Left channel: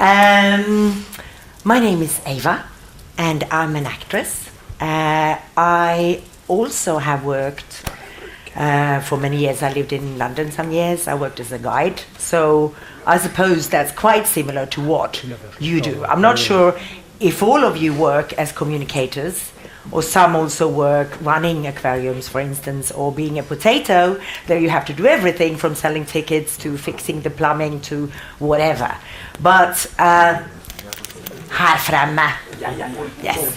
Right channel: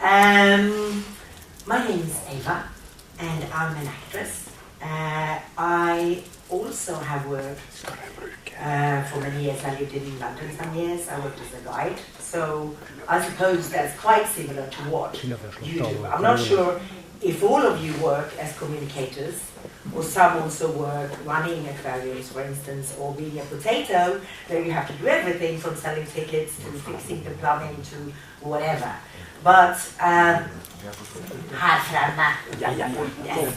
My name is Eva, and I'm an actress. I also have worked for many years. I lived in London some years. I worked as a guide. So I suppose that's quite similar to what you do. I'm not sure if all of you work as communicators, or some also work running aquariums, for instance, or being a potato. There you have to do everything from selling tickets to fixing the plumbing to whatever. But här framme. Yes.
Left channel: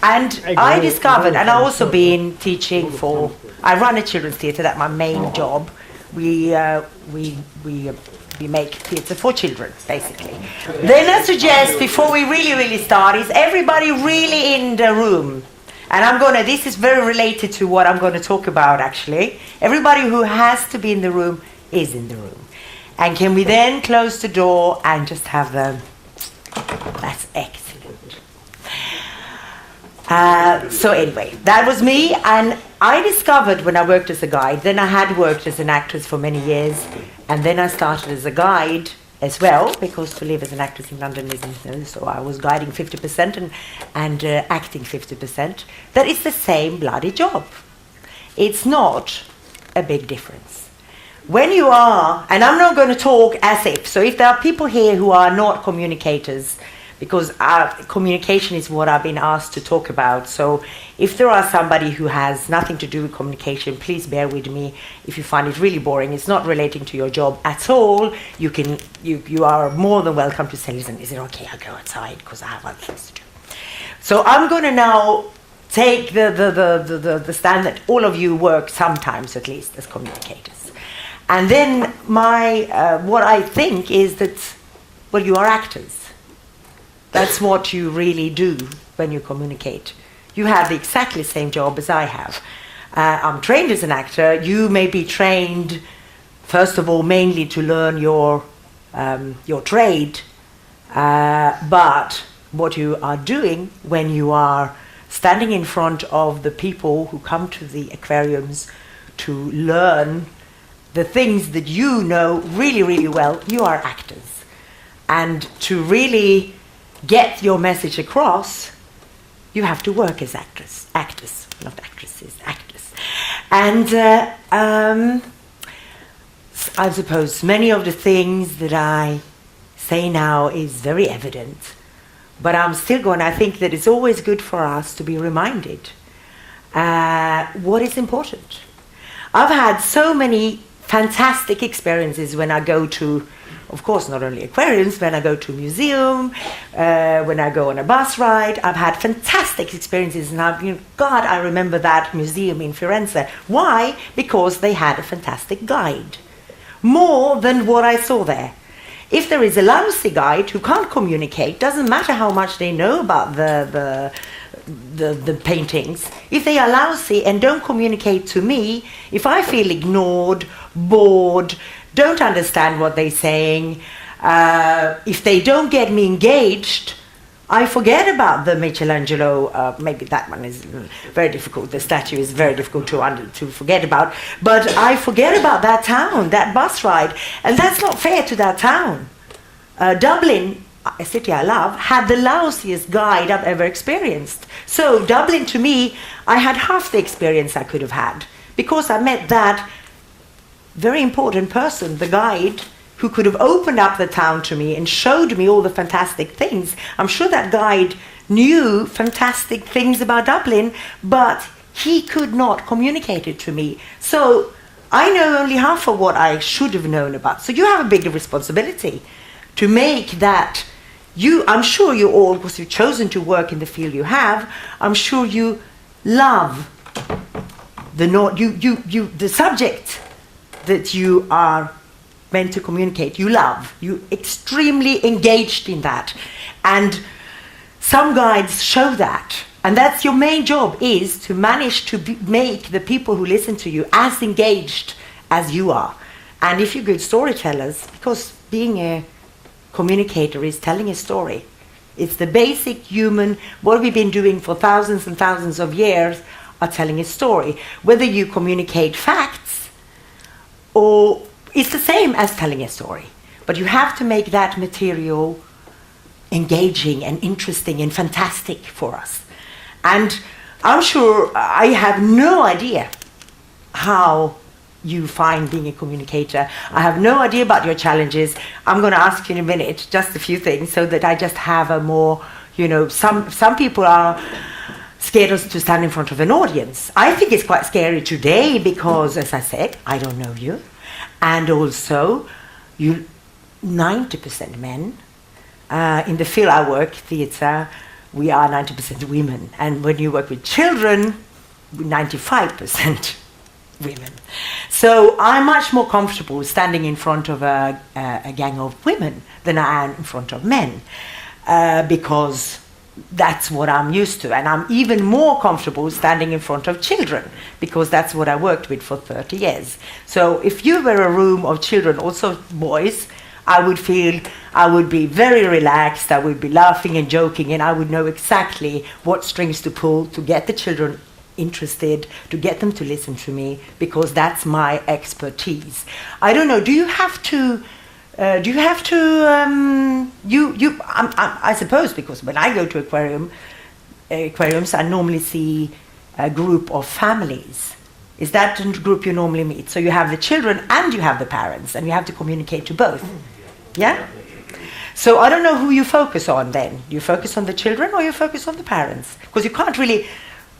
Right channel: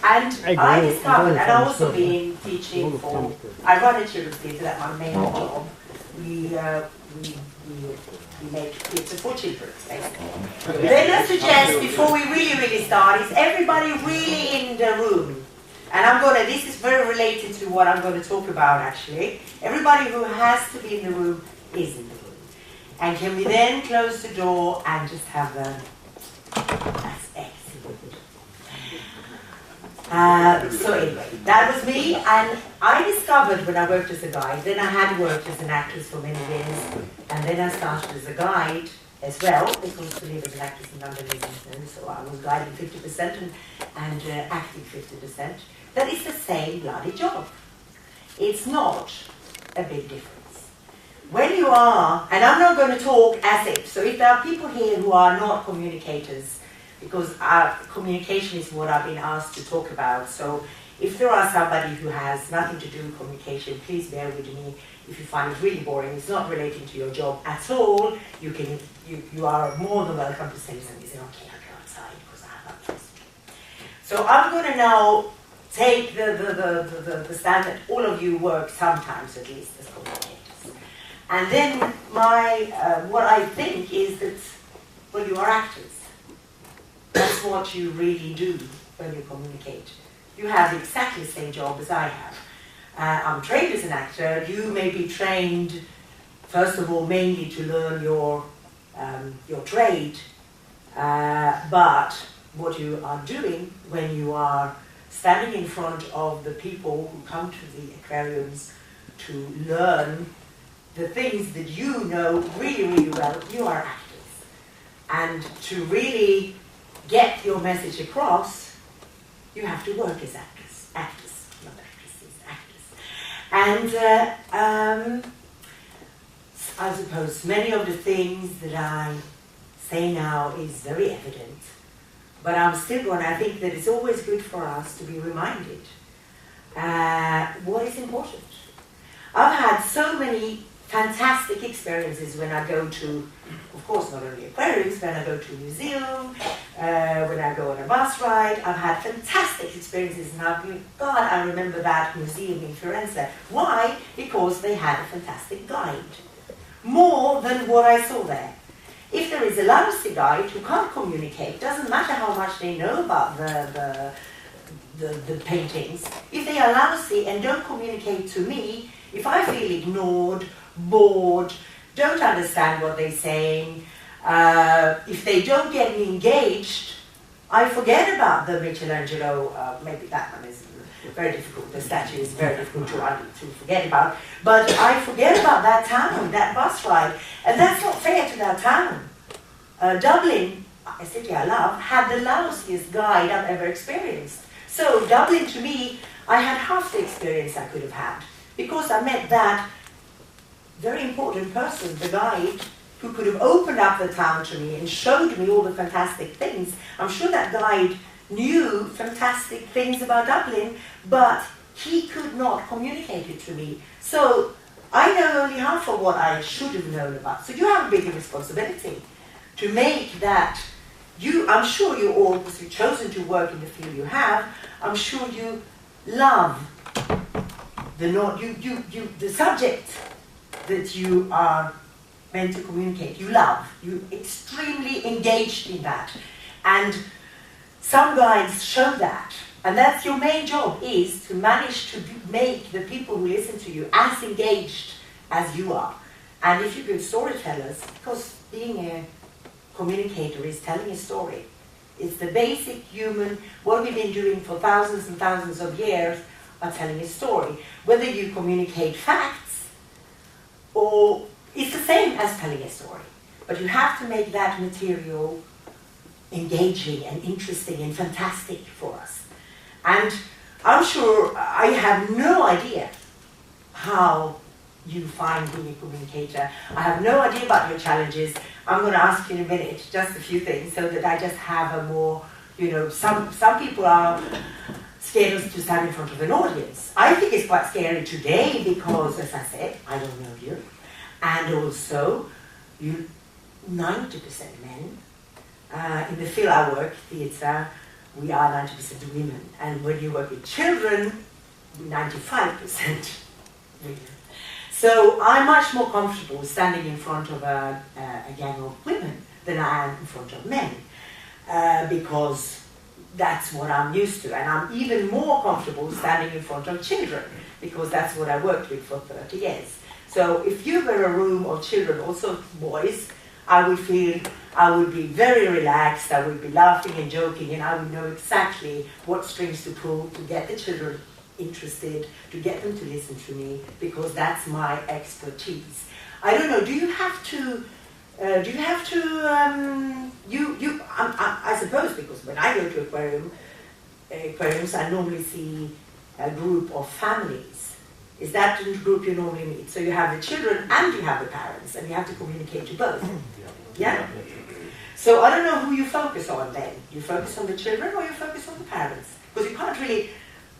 And I discovered, and I've also been teaching for, I run a children's theatre, that's my main job. We make theatre for children, basically. Then I suggest, before we really start, is everybody really in the room? And this is very related to what I'm going to talk about, actually. Everybody who has to be in the room is in the room. And can we then close the door and just have that's excellent. So anyway, that was me, and I discovered when I worked as a guide, then I had worked as an actress for many years, and then I started as a guide as well, because to live as an actress in London isn't, so I was guiding 50% and acting 50%. That is the same bloody job. It's not a big difference. When you are, and I'm not going to talk as if, so if there are people here who are not communicators, because communication is what I've been asked to talk about, so if there are somebody who has nothing to do with communication, please bear with me. If you find it really boring, it's not relating to your job at all, you are more than welcome to say, listen, is it okay, I'll go outside because I have other things to do. So I'm going to now take the stand that all of you work sometimes at least as communicators. And then what I think is that, well, you are actors. That's what you really do when you communicate. You have exactly the same job as I have. I'm trained as an actor. You may be trained, first of all, mainly to learn your trade. But what you are doing when you are standing in front of the people who come to the aquariums to learn the things that you know really well, you are actors. And to really get your message across, you have to work as actors, not actresses, actors. And I suppose many of the things that I say now is very evident, but I'm still I think that it's always good for us to be reminded what is important. I've had so many fantastic experiences when I go to, of course, not only aquariums, when I go to a museum, when I go on a bus ride. I've had fantastic experiences, and I remember that museum in Firenze. Why? Because they had a fantastic guide. More than what I saw there. If there is a lousy guide who can't communicate, doesn't matter how much they know about the paintings. If they are lousy and don't communicate to me, if I feel ignored, bored, don't understand what they're saying, if they don't get me engaged, I forget about the Michelangelo, maybe that one is very difficult, the statue is very difficult to forget about, but I forget about that town, that bus ride, and that's not fair to that town. Dublin, a city I love, had the lousiest guide I've ever experienced. So Dublin, to me, I had half the experience I could have had, because I met that very important person, the guide, who could have opened up the town to me and showed me all the fantastic things. I'm sure that guide knew fantastic things about Dublin, but he could not communicate it to me. So I know only half of what I should have known about. So you have a bigger responsibility to make that. I'm sure you all, because you've chosen to work in the field you have, I'm sure you love the subject that you are meant to communicate. You love. You're extremely engaged in that. And some guides show that. And that's your main job, is to manage to make the people who listen to you as engaged as you are. And if you're good storytellers, because being a communicator is telling a story. It's the basic human, what we've been doing for thousands and thousands of years, are telling a story. Whether you communicate facts or it's the same as telling a story, but you have to make that material engaging and interesting and fantastic for us. And I'm sure I have no idea how you find being a communicator. I have no idea about your challenges. I'm going to ask you in a minute just a few things so that I just have a more, some people are scared to stand in front of an audience. I think it's quite scary today because, as I said, I don't know you. And also, you 90% men. In the field I work, theatre, we are 90% women. And when you work with children, 95% women. So I'm much more comfortable standing in front of a gang of women than I am in front of men, because that's what I'm used to. And I'm even more comfortable standing in front of children, because that's what I worked with for 30 years. So if you were a room of children, also boys, I would be very relaxed, I would be laughing and joking, and I would know exactly what strings to pull to get the children interested, to get them to listen to me, because that's my expertise. I don't know, I suppose, because when I go to aquariums, I normally see a group of families. Is that the group you normally meet? So you have the children and you have the parents, and you have to communicate to both. Yeah? So I don't know who you focus on then. Do you focus on the children or you focus on the parents? Because you can't really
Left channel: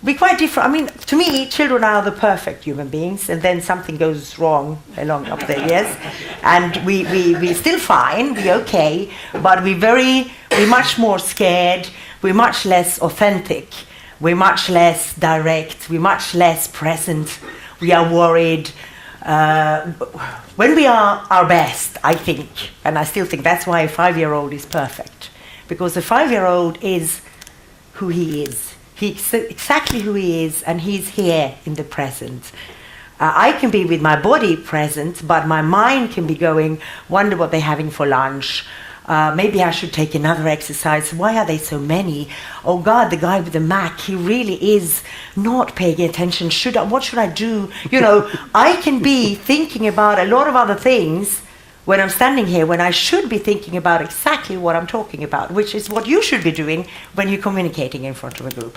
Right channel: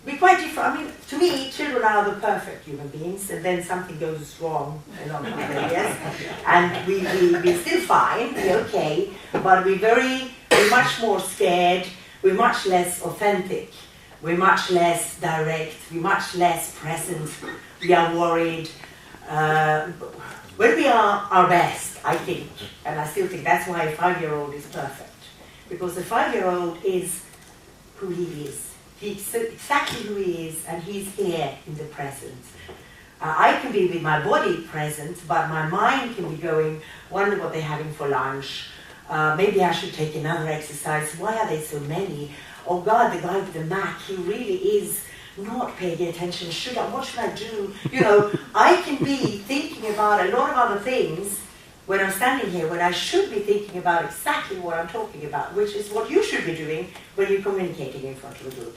be quite different. I mean, to me, children are the perfect human beings, and then something goes wrong along the years, and we're still fine, we're okay, but we're much more scared, we're much less authentic, we're much less direct, we're much less present, we are worried. When we are our best, I think, and I still think that's why a 5-year-old is perfect, because a 5-year-old is who he is. He's exactly who he is, and he's here in the present. I can be with my body present, but my mind can be going, wonder what they're having for lunch. Maybe I should take another exercise. Why are there so many? Oh God, the guy with the Mac, he really is not paying attention. What should I do? I can be thinking about a lot of other things when I'm standing here, when I should be thinking about exactly what I'm talking about, which is what you should be doing when you're communicating in front of a group.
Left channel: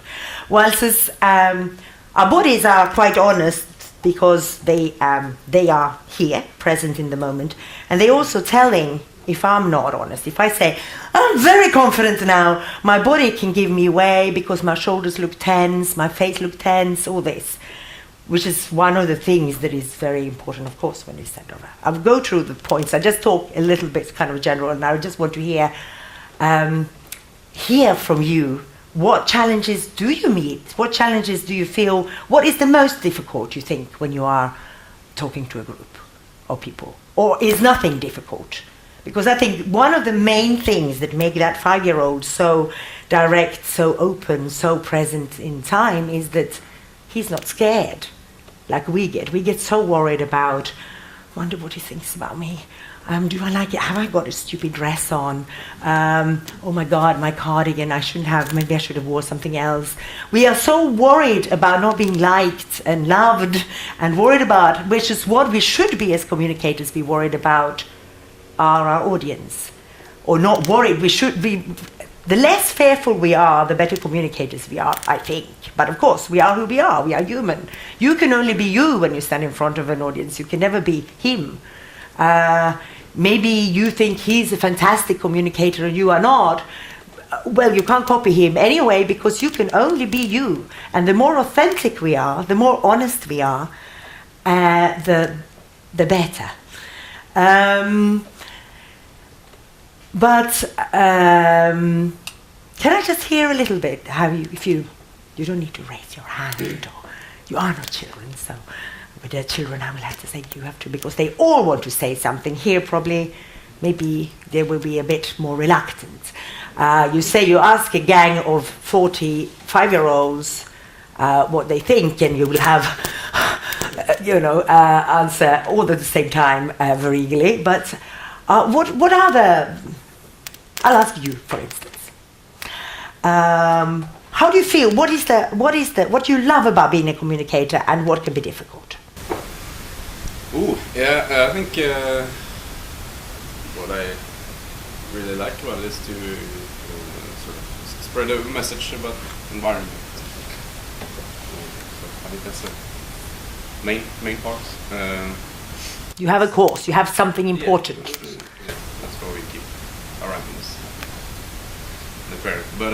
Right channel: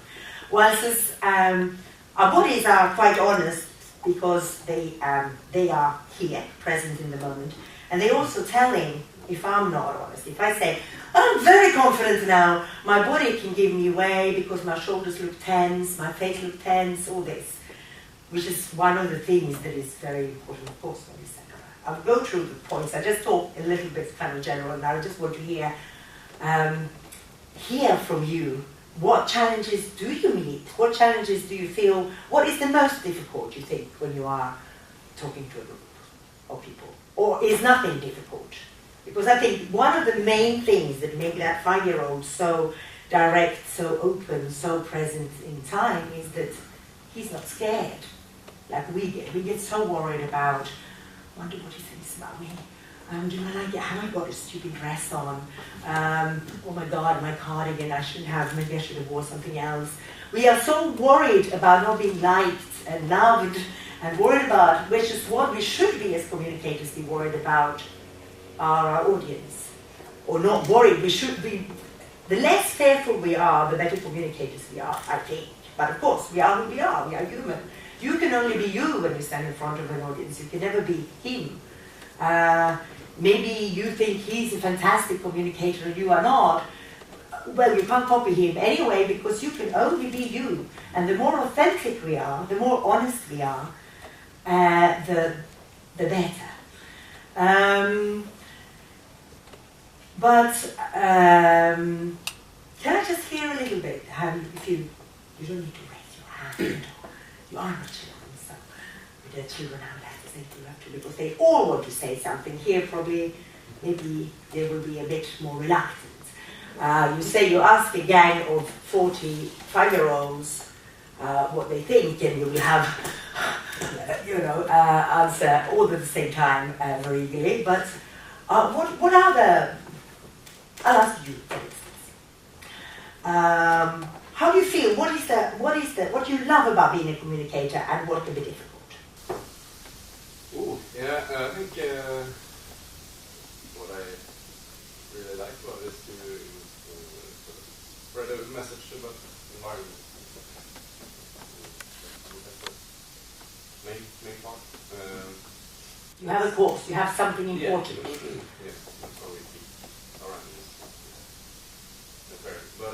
Whilst our bodies are quite honest, because they are here, present in the moment, and they're also telling if I'm not honest. If I say, I'm very confident now, my body can give me away because my shoulders look tense, my face looks tense, all this, which is one of the things that is very important, of course, when you stand over. I'll go through the points. I just talk a little bit kind of general, and I just want to hear from you. What challenges do you meet? What challenges do you feel? What is the most difficult, you think, when you are talking to a group of people? Or is nothing difficult? Because I think one of the main things that make that 5-year-old so direct, so open, so present in time is that he's not scared like we get. We get so worried about, wonder what he thinks about me. Do I like it? Have I got a stupid dress on? Oh my God, my cardigan, maybe I should have wore something else. We are so worried about not being liked and loved, and worried about, which is what we should be as communicators, be worried about our audience. Or not worried, we should be, the less fearful we are, the better communicators we are, I think. But of course, we are who we are human. You can only be you when you stand in front of an audience, you can never be him. Maybe you think he's a fantastic communicator and you are not. Well, you can't copy him anyway, because you can only be you. And the more authentic we are, the more honest we are, the better. But can I just hear a little bit how you don't need to raise your hand, or you are not children, so with the children I will have to say you have to, because they all want to say something. Here probably, maybe they will be a bit more reluctant. You ask a gang of 45-year-olds what they think, and you will have, answer all at the same time very eagerly. But what are the? I'll ask you, for instance. How do you feel? What do you love about being a communicator, and what can be difficult? Ooh, yeah, I think what I really like about it is to sort of spread a message about environment. I think that's the main part. You have a course, you have something important. Yeah, that's why we keep our animals in the aquarium. But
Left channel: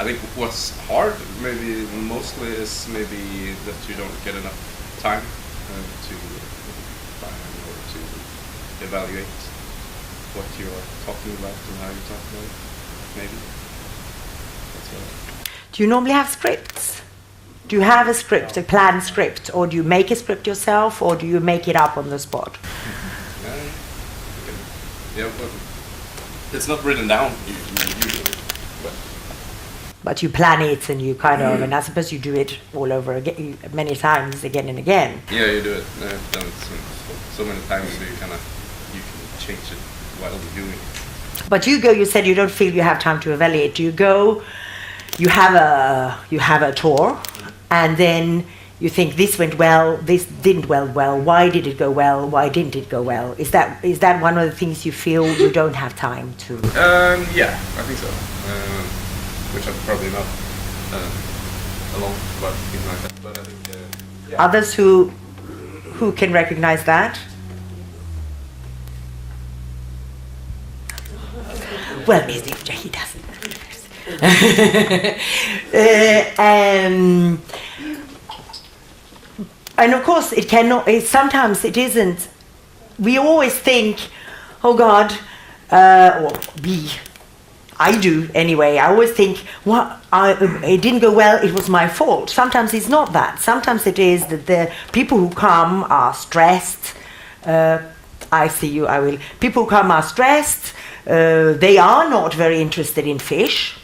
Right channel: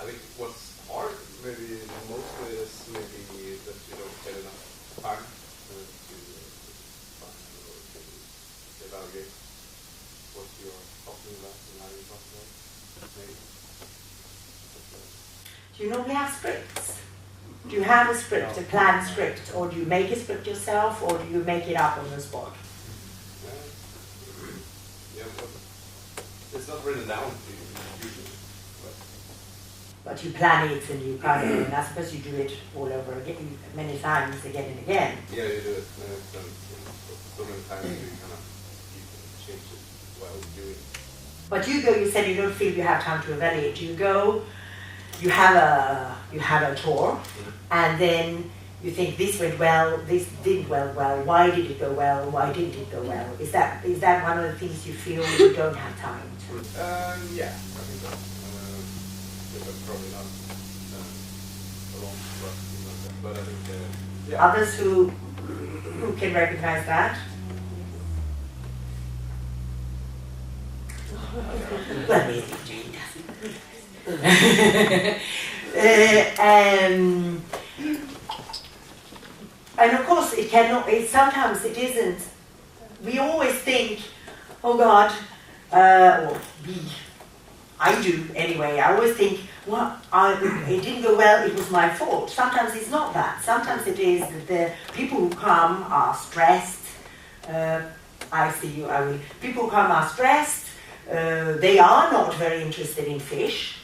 I think what's hard, maybe mostly, is maybe that you don't get enough time to find or to evaluate what you are talking about and how you talk about it. Maybe that's what. Do you normally have scripts? Do you have a script, a planned script, or do you make a script yourself, or do you make it up on the spot? Yeah, well, it's not written down usually. But you plan it and you kind of, and I suppose you do it all over again, many times, again and again. Yeah, you do it. I've done it so many times that you can change it while doing it. But you said you don't feel you have time to evaluate. You go, you have a tour, and then you think this went well, this didn't well. Why did it go well? Why didn't it go well? Is that one of the things you feel you don't have time to? Yeah, I think so. Which I'm probably not alone about things like that. But I think yeah. Others who can recognize that. Well, maybe he doesn't. And of course, it cannot. Sometimes it isn't. We always think, "Oh God," I do anyway. I always think, it didn't go well, it was my fault. Sometimes it's not that. Sometimes it is that the people who come are stressed. I see you, I will. People who come are stressed. They are not very interested in fish,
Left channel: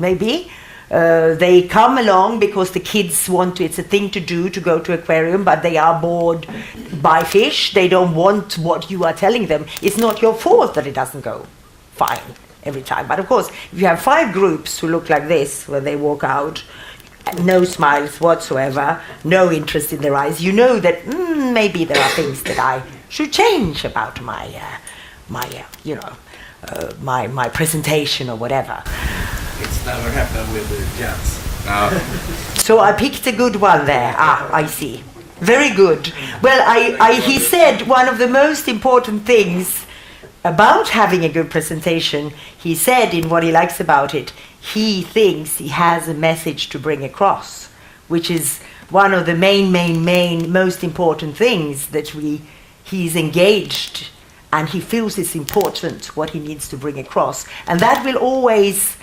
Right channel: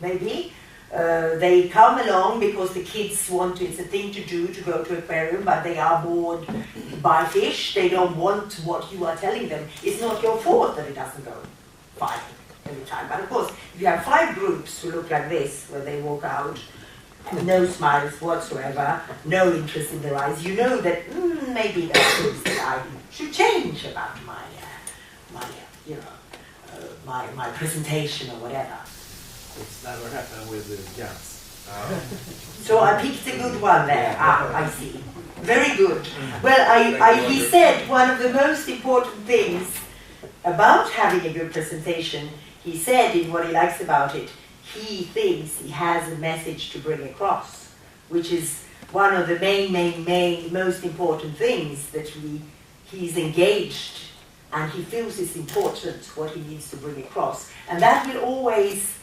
maybe. They come along because the kids want to, it's a thing to do to go to aquarium, but they are bored by fish. They don't want what you are telling them. It's not your fault that it doesn't go fine every time. But of course, if you have 5 groups who look like this, where they walk out, no smiles whatsoever, no interest in their eyes, you know that maybe there are things that I should change about my presentation or whatever. It's never happened with the jets. So I picked a good one there. I see. Very good. Well, he said one of the most important things about having a good presentation, he said in what he likes about it, he thinks he has a message to bring across, which is one of the main, most important things that he's engaged, and he feels it's important what he needs to bring across. And that will always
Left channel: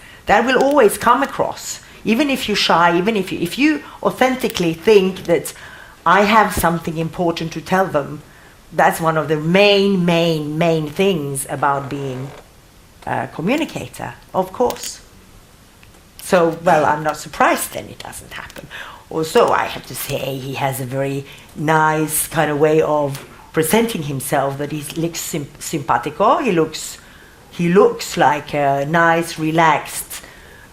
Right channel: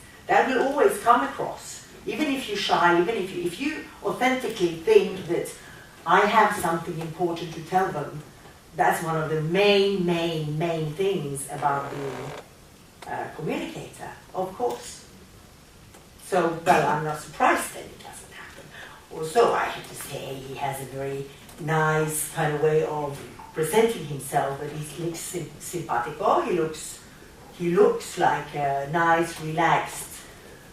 come across. Even if you're shy, even if you authentically think that I have something important to tell them, that's one of the main things about being a communicator, of course. So, well, I'm not surprised then it doesn't happen. Also, I have to say he has a very nice kind of way of presenting himself, that he looks simpatico, he looks like a nice, relaxed,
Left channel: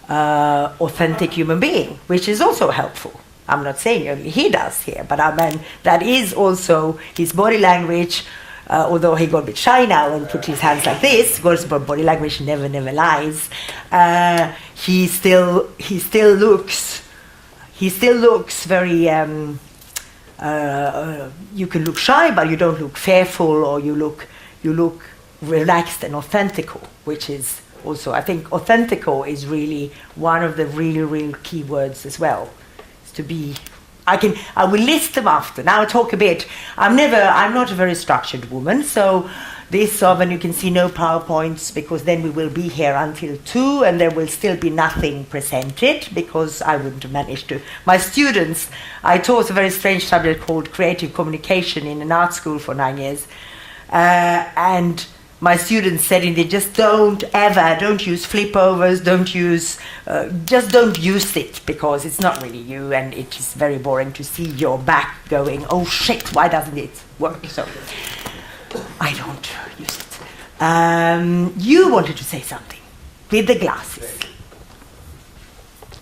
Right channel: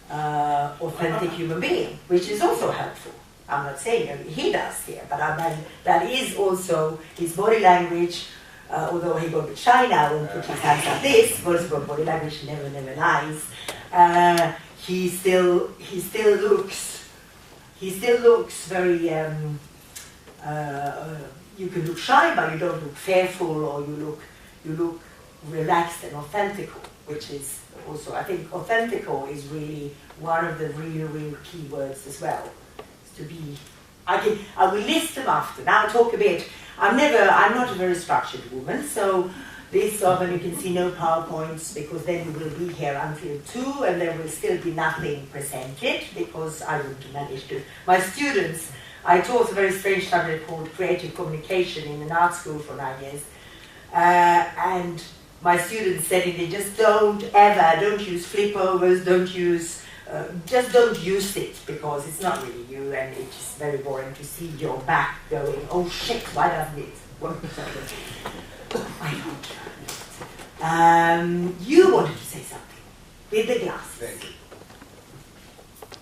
authentic human being, which is also helpful. I'm not saying he does here, but I mean, that is also his body language, although he got a bit shy now and put his hands like this, because body language never lies. He still looks very, you can look shy, but you don't look fearful, or you look relaxed and authentical, which is also, I think authentical is really one of the real key words as well. To be, I will list them after. Now I'll talk a bit. I'm not a very structured woman, so this often you can see no PowerPoints, because then we will be here until 2 and there will still be nothing presented, because I wouldn't manage to. My students, I taught a very strange subject called creative communication in an art school for 9 years, and my students said, they just don't use flip overs, just don't use it, because it's not really you, and it is very boring to see your back going, oh shit, why doesn't it work? So I don't use it. You wanted to say something with the glasses.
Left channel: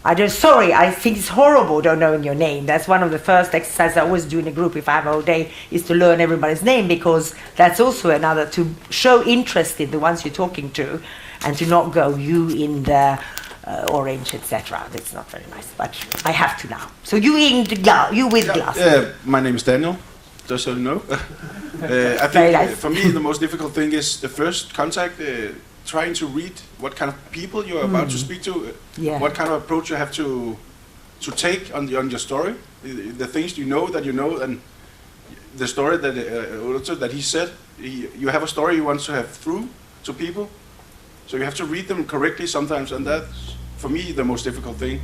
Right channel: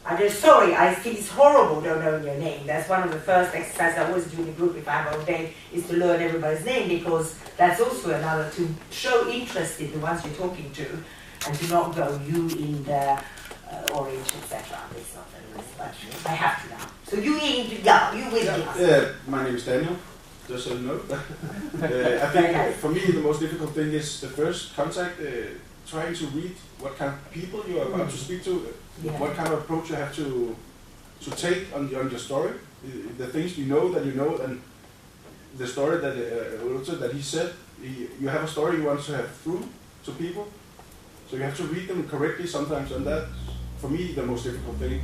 Sorry, I think it's horrible don't knowing your name. That's one of the first exercises I always do in a group if I have a whole day, is to learn everybody's name, because that's also another, to show interest in the ones you're talking to, and to not go, you in the orange, etc. It's not very nice, but I have to now. So you in the glass, you with glass. My name is Daniel, just so you know. I think for me the most difficult thing is the first contact, trying to read what kind of people you're about to speak to, what kind of approach you have to take on your story, the things you know, and the story that he said. You have a story you want to have through to people, so you have to read them correctly sometimes, and that's for me the most difficult thing.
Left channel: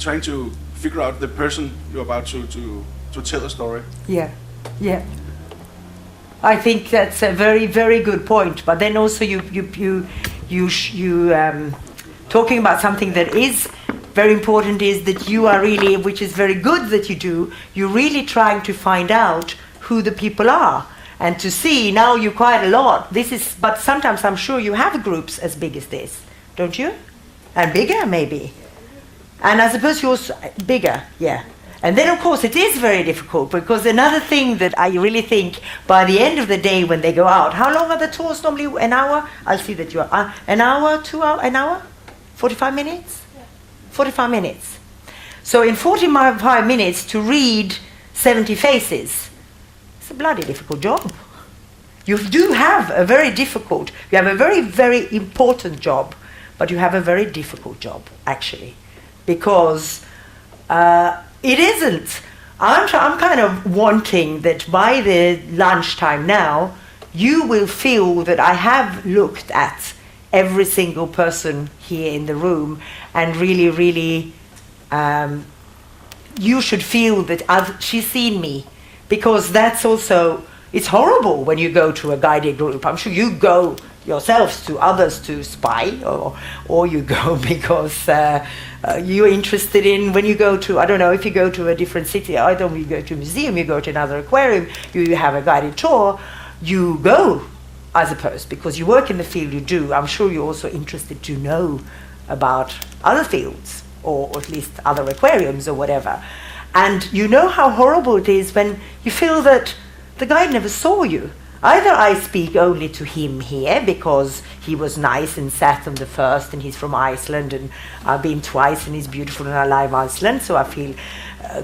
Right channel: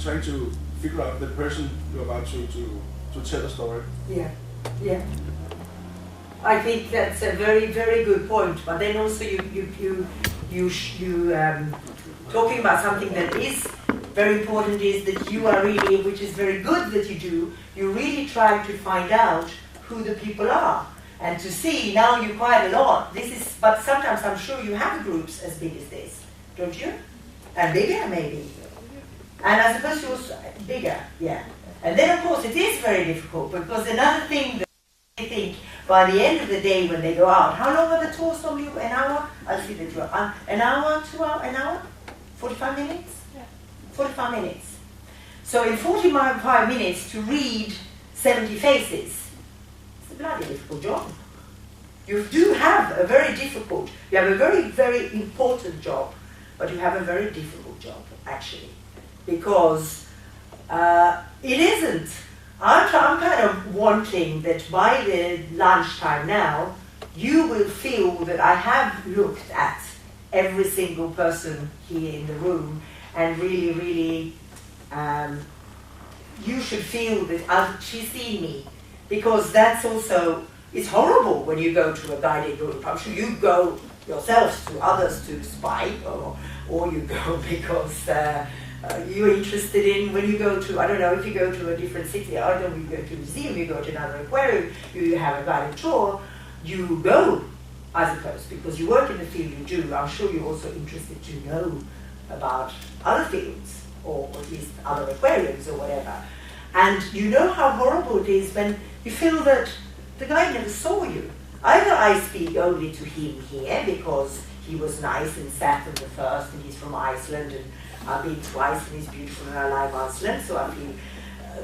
Trying to figure out the person you're about to tell a story. Yeah. I think that's a very, very good point. But then also you talking about something that is very important, is that you are really, which is very good that you do, you're really trying to find out who the people are, and to see, now you quite a lot. But sometimes I'm sure you have groups as big as this, don't you? And bigger maybe. And I suppose you're bigger, yeah. And then, of course, it is very difficult, because another thing that I really think, by the end of the day when they go out, how long are the tours normally? An hour? I'll see that you are. An hour, 2 hours, an hour? 45 minutes? Yeah. 45 minutes. So in 45 minutes to read 70 faces, it's a bloody difficult job. You do have a very difficult, you have a very, very important job, but you have a very difficult job, actually, because it isn't. I'm kind of wanting that by the lunchtime now, you will feel that I have looked at every single person here in the room, and really, really, you should feel that she's seen me, because that's also, it's horrible when you go to a guided group. I'm sure you go yourselves to others to spy, or you go because you're interested in, when you go to, I don't know, if you go to a different city, either you go to a museum, you go to another aquarium, you have a guided tour, you go, I suppose, because you work in the field you do. I'm sure you're also interested to know about other fields, or at least other aquariums or whatever. And you know how horrible it is when you feel that the guide never saw you. Either I speak only to him here because he was nice and sat on the first, and he's from Iceland, and I've been twice and he's beautiful and I love Iceland, so I feel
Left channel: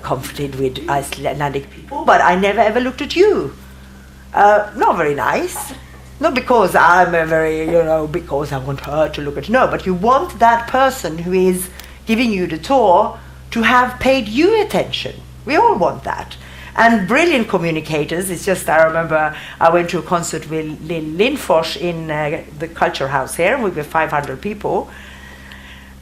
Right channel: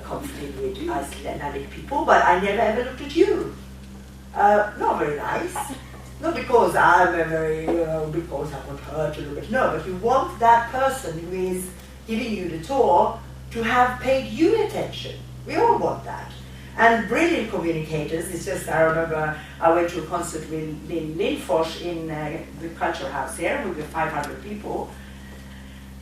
comforted with Icelandic people, but I never ever looked at you. Not very nice. Not because I'm a very, because I want her to look at, no, but you want that person who is giving you the tour to have paid you attention. We all want that. And brilliant communicators, it's just, I remember I went to a concert with Lynn Lindfors in the Culture House here with 500 people.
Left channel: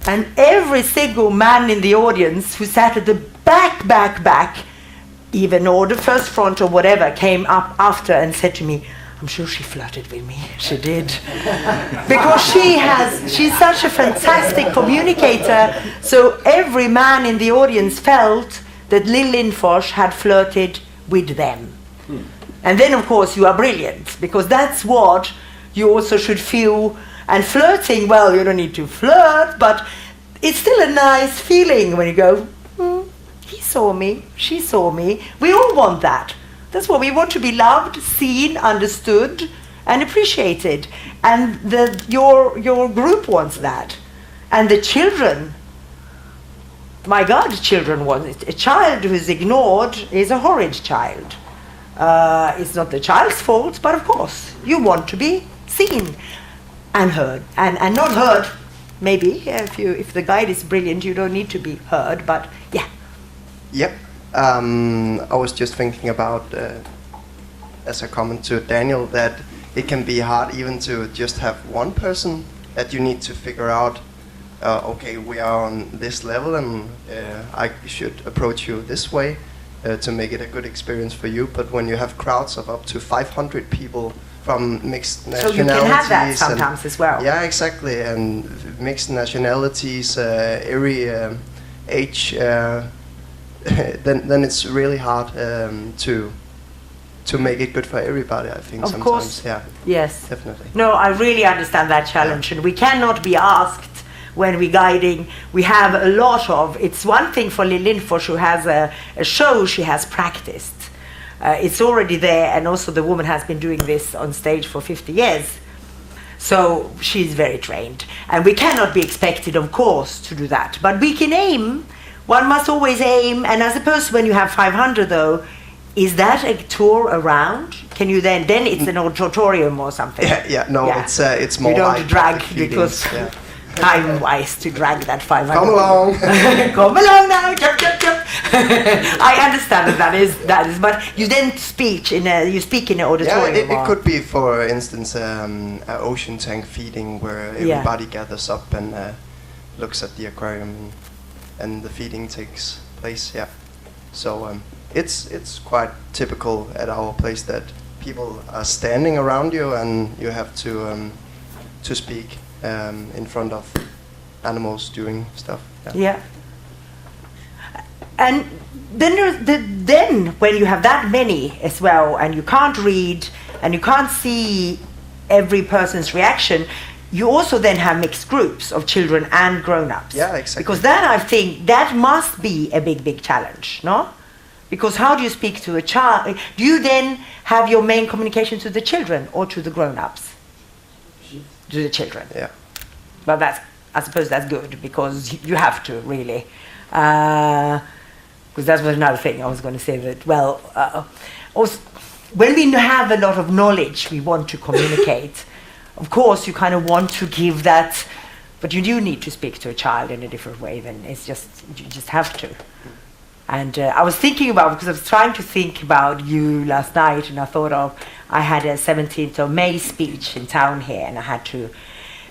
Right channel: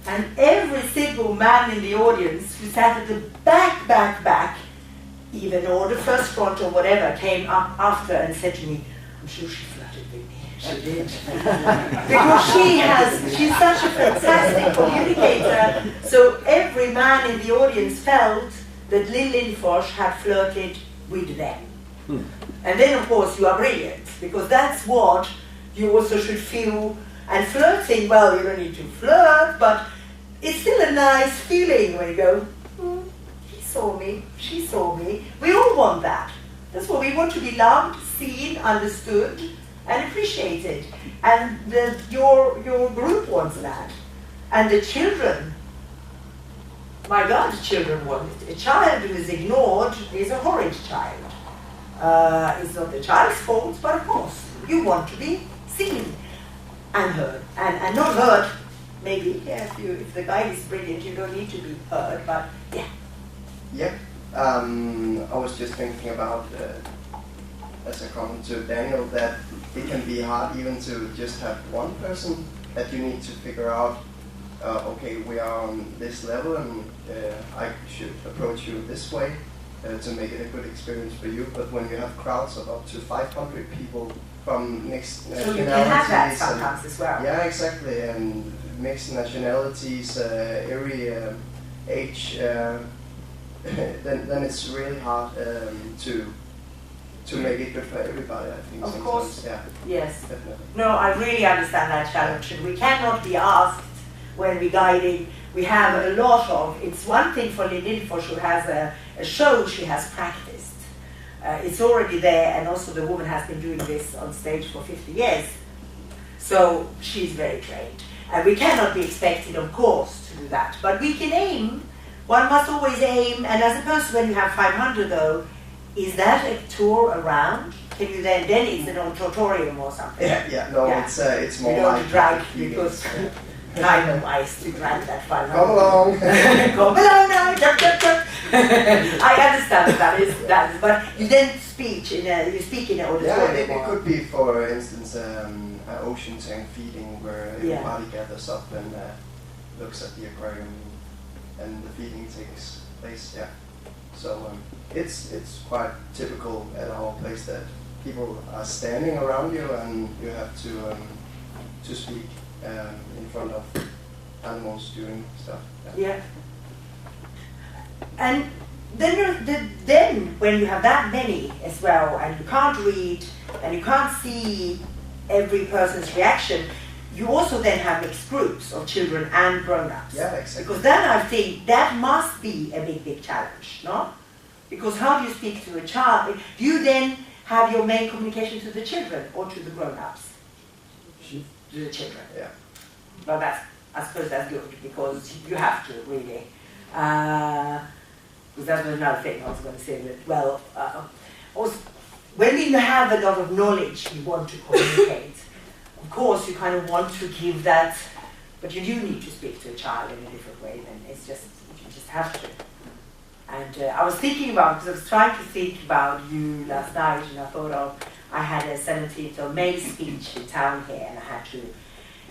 And every single man in the audience who sat at the back, even or the first front or whatever, came up after and said to me, I'm sure she flirted with me. She did. Because she's such a fantastic communicator. So every man in the audience felt that Lynn Lindfors had flirted with them. And then, of course, you are brilliant, because that's what you also should feel. And flirting, well, you don't need to flirt, but it's still a nice feeling when you go, he saw me, she saw me. We all want that. That's what we want, to be loved, seen, understood, and appreciated. And your group wants that. And the children, my God, children want it. A child who is ignored is a horrid child. It's not the child's fault, but of course, you want to be seen and heard. And not heard, maybe, if the guide is brilliant, you don't need to be heard, but yeah. Yep. I was just thinking about, as a comment to Daniel, that it can be hard even to just have one person that you need to figure out, okay, we are on this level, and I should approach you this way to make it a good experience for you. But when you have crowds of up to 500 people from mixed nationalities, so you can have that sometimes as well. Yeah, exactly, and mixed nationalities, every age, then it's really hard to make it good for everybody, I think. Of sometimes. Course. Yeah. Yes. Definitely. No, I really understand that challenge, and we cannot be asked when we're guiding, we have a lot of, it's one thing for Lill Lindfors, who has a show she has practiced. It's already there, and also the woman has been doing this on stage for 50 years. So she's very trained. And we cannot be expected, of course, to do that. But we can aim. One must always aim. And I suppose when you have 500, though, is that a tour around? Can you then it's an auditorium or something? It's more you don't like drag, because time-wise to drag that 500. Come along. Come along now, jump, jump, jump. I understand that is, but you then speak in an auditorium. Yeah, it could be, for instance, an ocean tank feeding where everybody gathers up and looks at the aquarium, and the feeding takes place. Yeah, so it's quite typical at our place that people are standing around you, and you have to speak in front of animals doing stuff. Yeah. And then when you have that many as well, and you can't read, and you can't see every person's reaction, you also then have mixed groups of children and grown-ups. Yeah, exactly. Because then I think that must be a big challenge, no? Because how do you speak to a child? Do you then have your main communication to the children or to the grown-ups? To the children. Yeah. But I suppose that's good, because you have to, really. Because that was another thing I was going to say, that, also, when we have a lot of knowledge we want to communicate, of course you kind of want to give that, but you do need to speak to a child in a different way, then you just have to. And I was thinking about, because I was trying to think about you last night, and I had a 17th of May speech in town here, and I had to,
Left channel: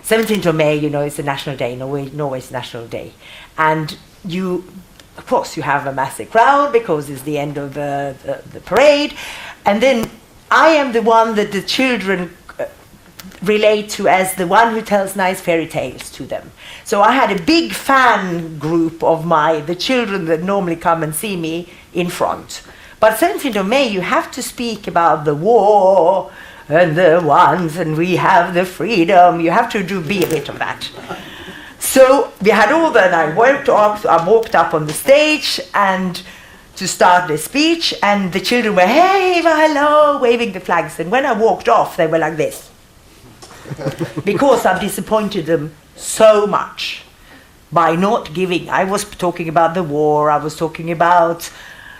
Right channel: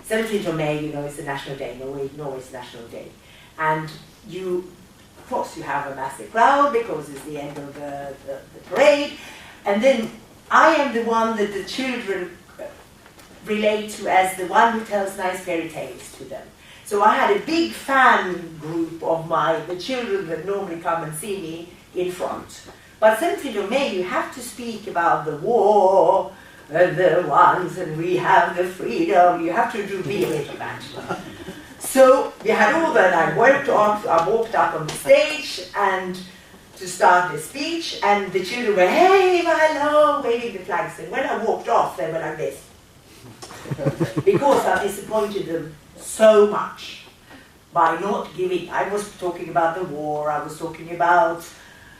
17th of May, it's the national day, Norway's national day. And of course, you have a massive crowd because it's the end of the parade. And then I am the one that the children relate to as the one who tells nice fairy tales to them. So I had a big fan group of the children that normally come and see me in front. But 17th of May, you have to speak about the war and the ones, and we have the freedom. You have to be a bit of that. So we had all that. I walked up on the stage and to start the speech, and the children were, hey, hello, waving the flags. And when I walked off, they were like this. Because I disappointed them so much by not giving. I was talking about the war, I was talking about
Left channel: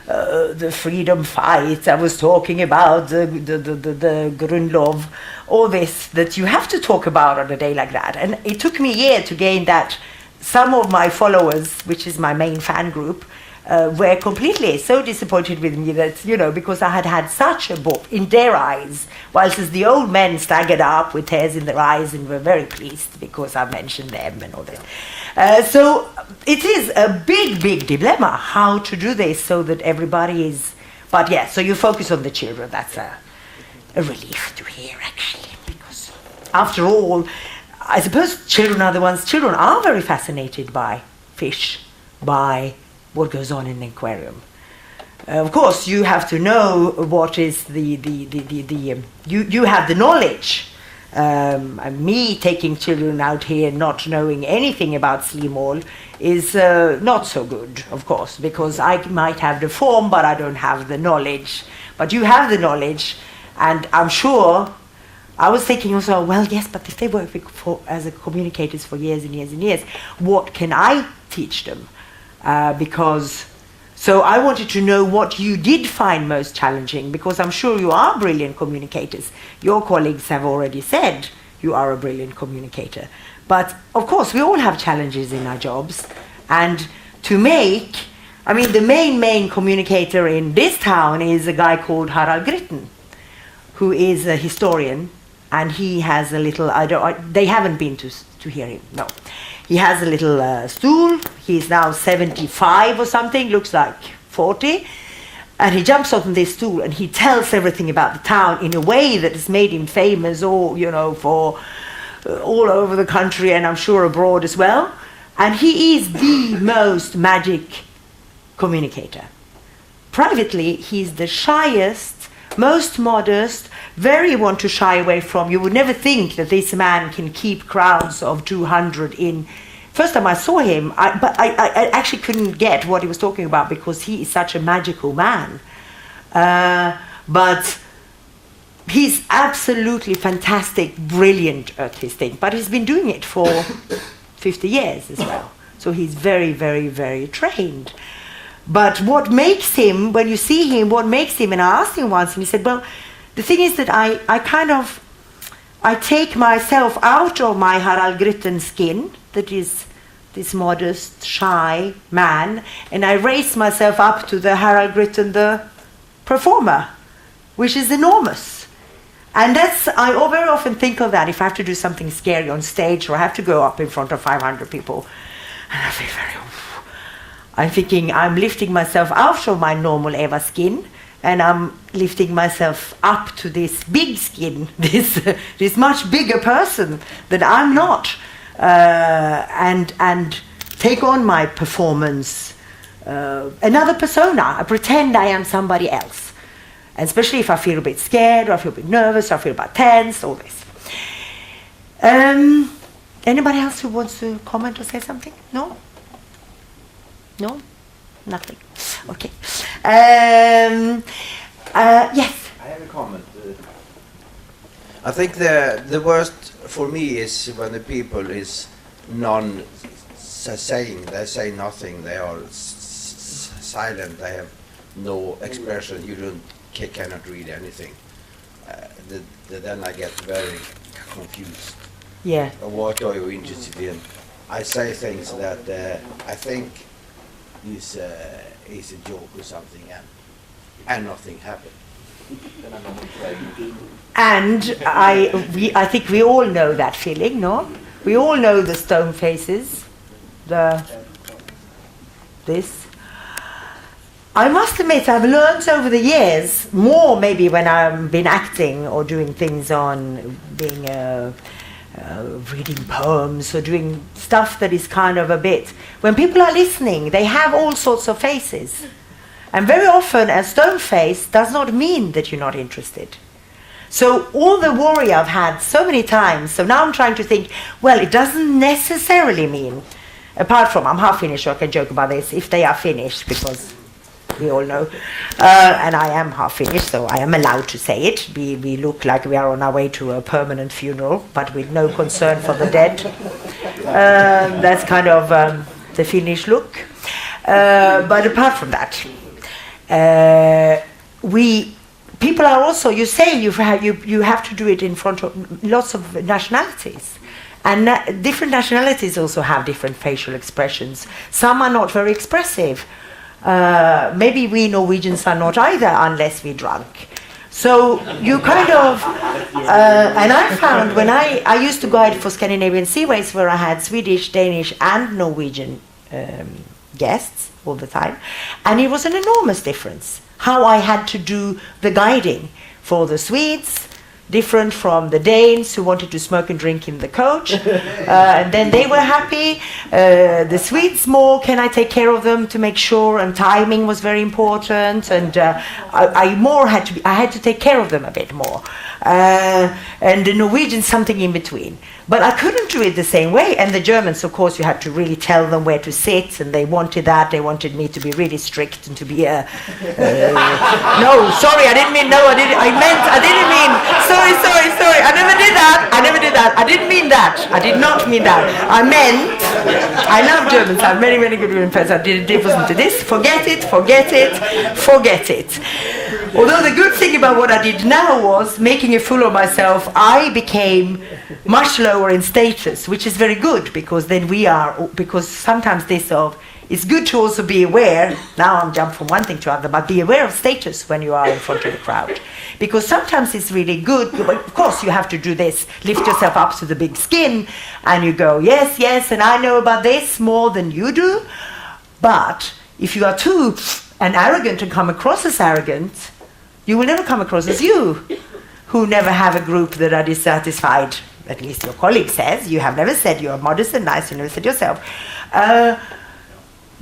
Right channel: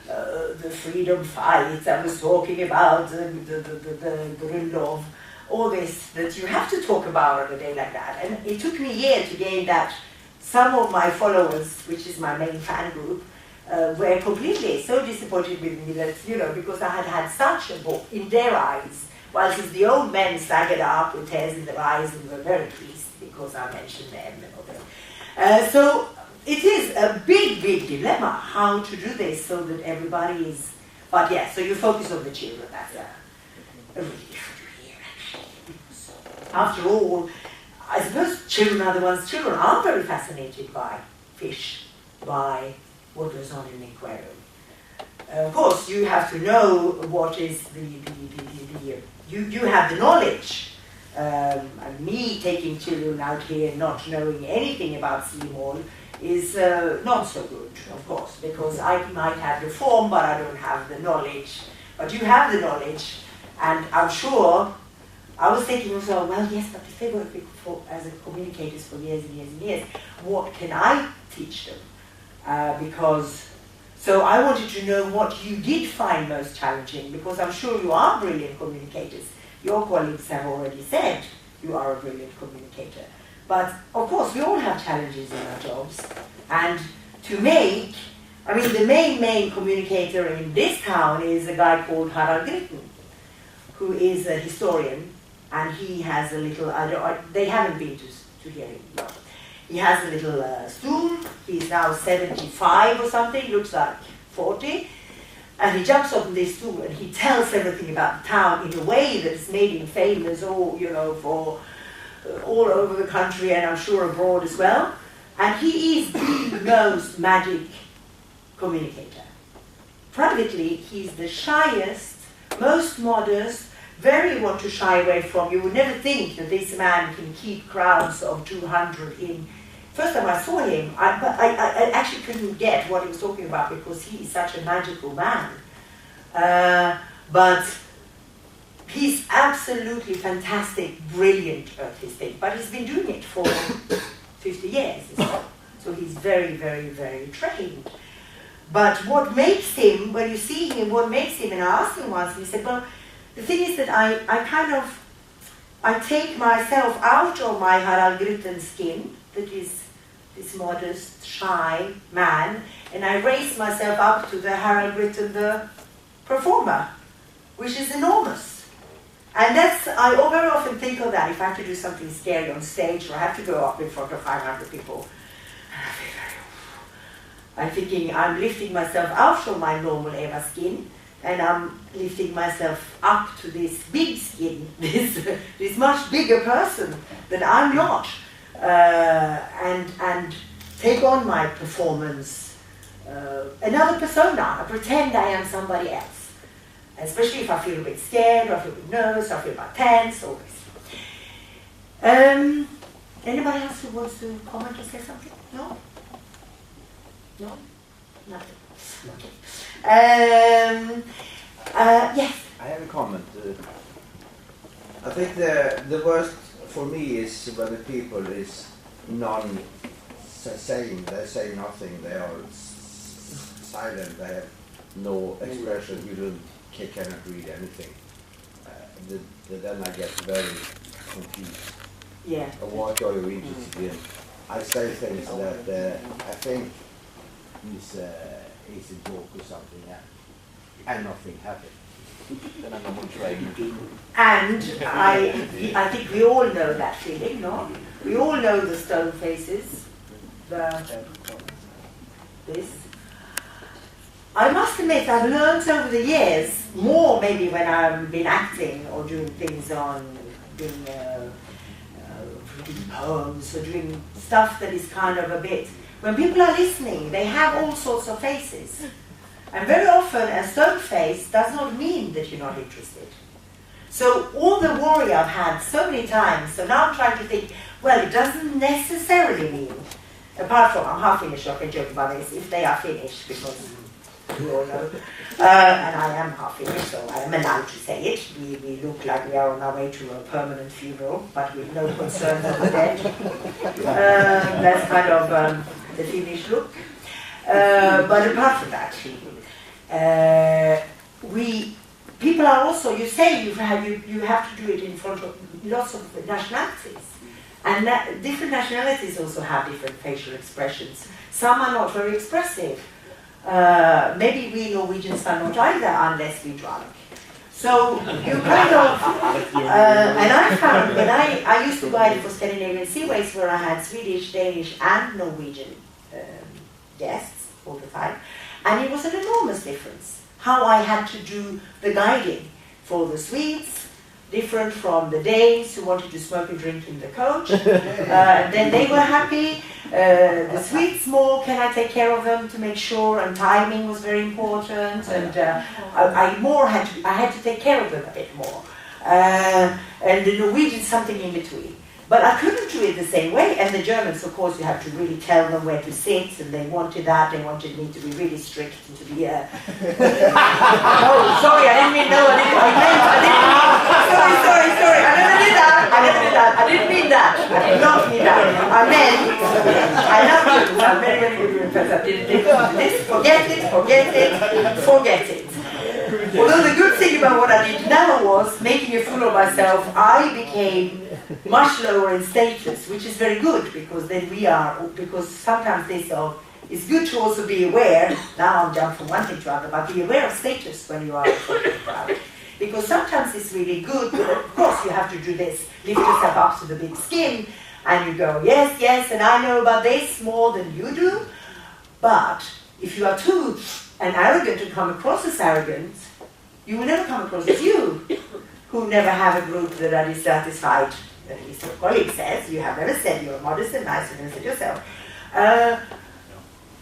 the freedom fight, I was talking about the Grundlov, all this that you have to talk about on a day like that. And it took me a year to gain that. Some of my followers, which is my main fan group, were completely so disappointed with me that, because I had had such a book in their eyes, whilst as the old men staggered up with tears in their eyes and were very pleased because I mentioned them and all that. So it is a big dilemma how to do this so that everybody is, but yeah, so you focus on the children. That's a relief to hear, actually, because after all, I suppose children are very fascinated by fish, by what goes on in the aquarium. Of course, you have to know what is you have the knowledge. Me taking children out here not knowing anything about sea mole is not so good, of course, because I might have the form, but I don't have the knowledge. But you have the knowledge, and I'm sure, I was thinking also, well, yes, but if they work as communicators for years and years and years, what can I teach them? So I wanted to know what you did find most challenging, because I'm sure you are brilliant communicators. Your colleagues have already said you are a brilliant communicator. But of course, we all have challenges in our jobs. And to make, the main communicator in this town is a guy called Harald Gritten, who is a historian, and he has a little, they haven't been to hear him, no. He has a little stool. He's now 75 or something, looks like 40. And he jumps on this stool and he tells everything about the town in a way that has made him famous, or, for all over the country, and I'm sure abroad as well. And he is the most magic communicator. Privately, he's the shyest, most modest, very want to shy away from. You would never think that this man can keep crowds of 200 in first time I saw him, I actually couldn't get what he was talking about because he is such a magical man. But he's absolutely fantastic, brilliant artistic, but he's been doing it for 50 years as well. So he's very, very, very trained. But what makes him, when you see him, what makes him, and I asked him once, and he said, well, the thing is that I take myself out of my Harald Grytten skin, that is this modest, shy man, and I raise myself up to the Harald Grytten, the performer, which is enormous. And I very often think of that if I have to do something scary on stage or I have to go up in front of 500 people. And I feel I'm thinking I'm lifting myself out of my normal Eva skin, and I'm lifting myself up to this big skin, this much bigger person that I'm not, and take on my performance, another persona. I pretend I am somebody else, especially if I feel a bit scared, or I feel a bit nervous, or I feel a bit tense, all this. Anybody else who wants to comment or say something? No? No? Nothing. Okay. Yes. I have a comment. I think the worst for me is when the people is non-saying. They say nothing. They are silent. They have no expression. You cannot read anything. Then I get very confused. Yeah. What are you interested in? I say things that I think is a joke or something, and nothing happened. Then I'm not trained. And I think we all know that feeling, no? We all know the stone faces, this. I must admit, I've learned over the years, more maybe when I've been acting or doing things on being reading poems or doing stuff that is kind of a bit, when people are listening, they have all sorts of faces. And very often a stone face does not mean that you're not interested. So all the worry I've had so many times, so now I'm trying to think, well, it doesn't necessarily mean, apart from I'm half finished, so I can joke about this, if they are finished, because we all know, and I am half finished, so I am allowed to say it. We look like we are on our way to a permanent funeral, but with no concern for the dead. That's kind of the Finnish look. But apart from that, people are also, you say you have to do it in front of lots of nationalities. And different nationalities also have different facial expressions. Some are not very expressive. Maybe we Norwegians are not either unless we're drunk. So you kind of, and I found when I used to guide for Scandinavian Seaways where I had Swedish, Danish and Norwegian guests all the time, and it was an enormous difference how I had to do the guiding for the Swedes, different from the Danes who wanted to smoke and drink in the coach, and then they were happy. The Swedes more, can I take care of them to make sure, and timing was very important, and I had to take care of them a bit more, and the Norwegians something in between. But I couldn't do it the same way, and the Germans, of course, you had to really tell them where to sit, and they wanted that. They wanted me to be really strict and to be no, sorry, I didn't mean, no, I didn't mean, sorry, I never did that, I didn't mean that, I did not mean that. I meant, I love Germans, I'm very, very good with friends, I did a difference to this, forget it. Although the good thing about what I did now was, making a fool of myself, I became much lower in status, which is very good, because then because sometimes it's good to also be aware, now I'm jumping from one thing to another, but be aware of status when you are in front of the crowd. Because sometimes it's really good, but of course you have to do this, lift yourself up to the big skin, and you go, yes, and I know about this more than you do. But if you are too arrogant and come across as arrogant, you will never come across as you, who never have a group that are dissatisfied. At least your colleague says. You have never said you're modest and nice, you never said yourself.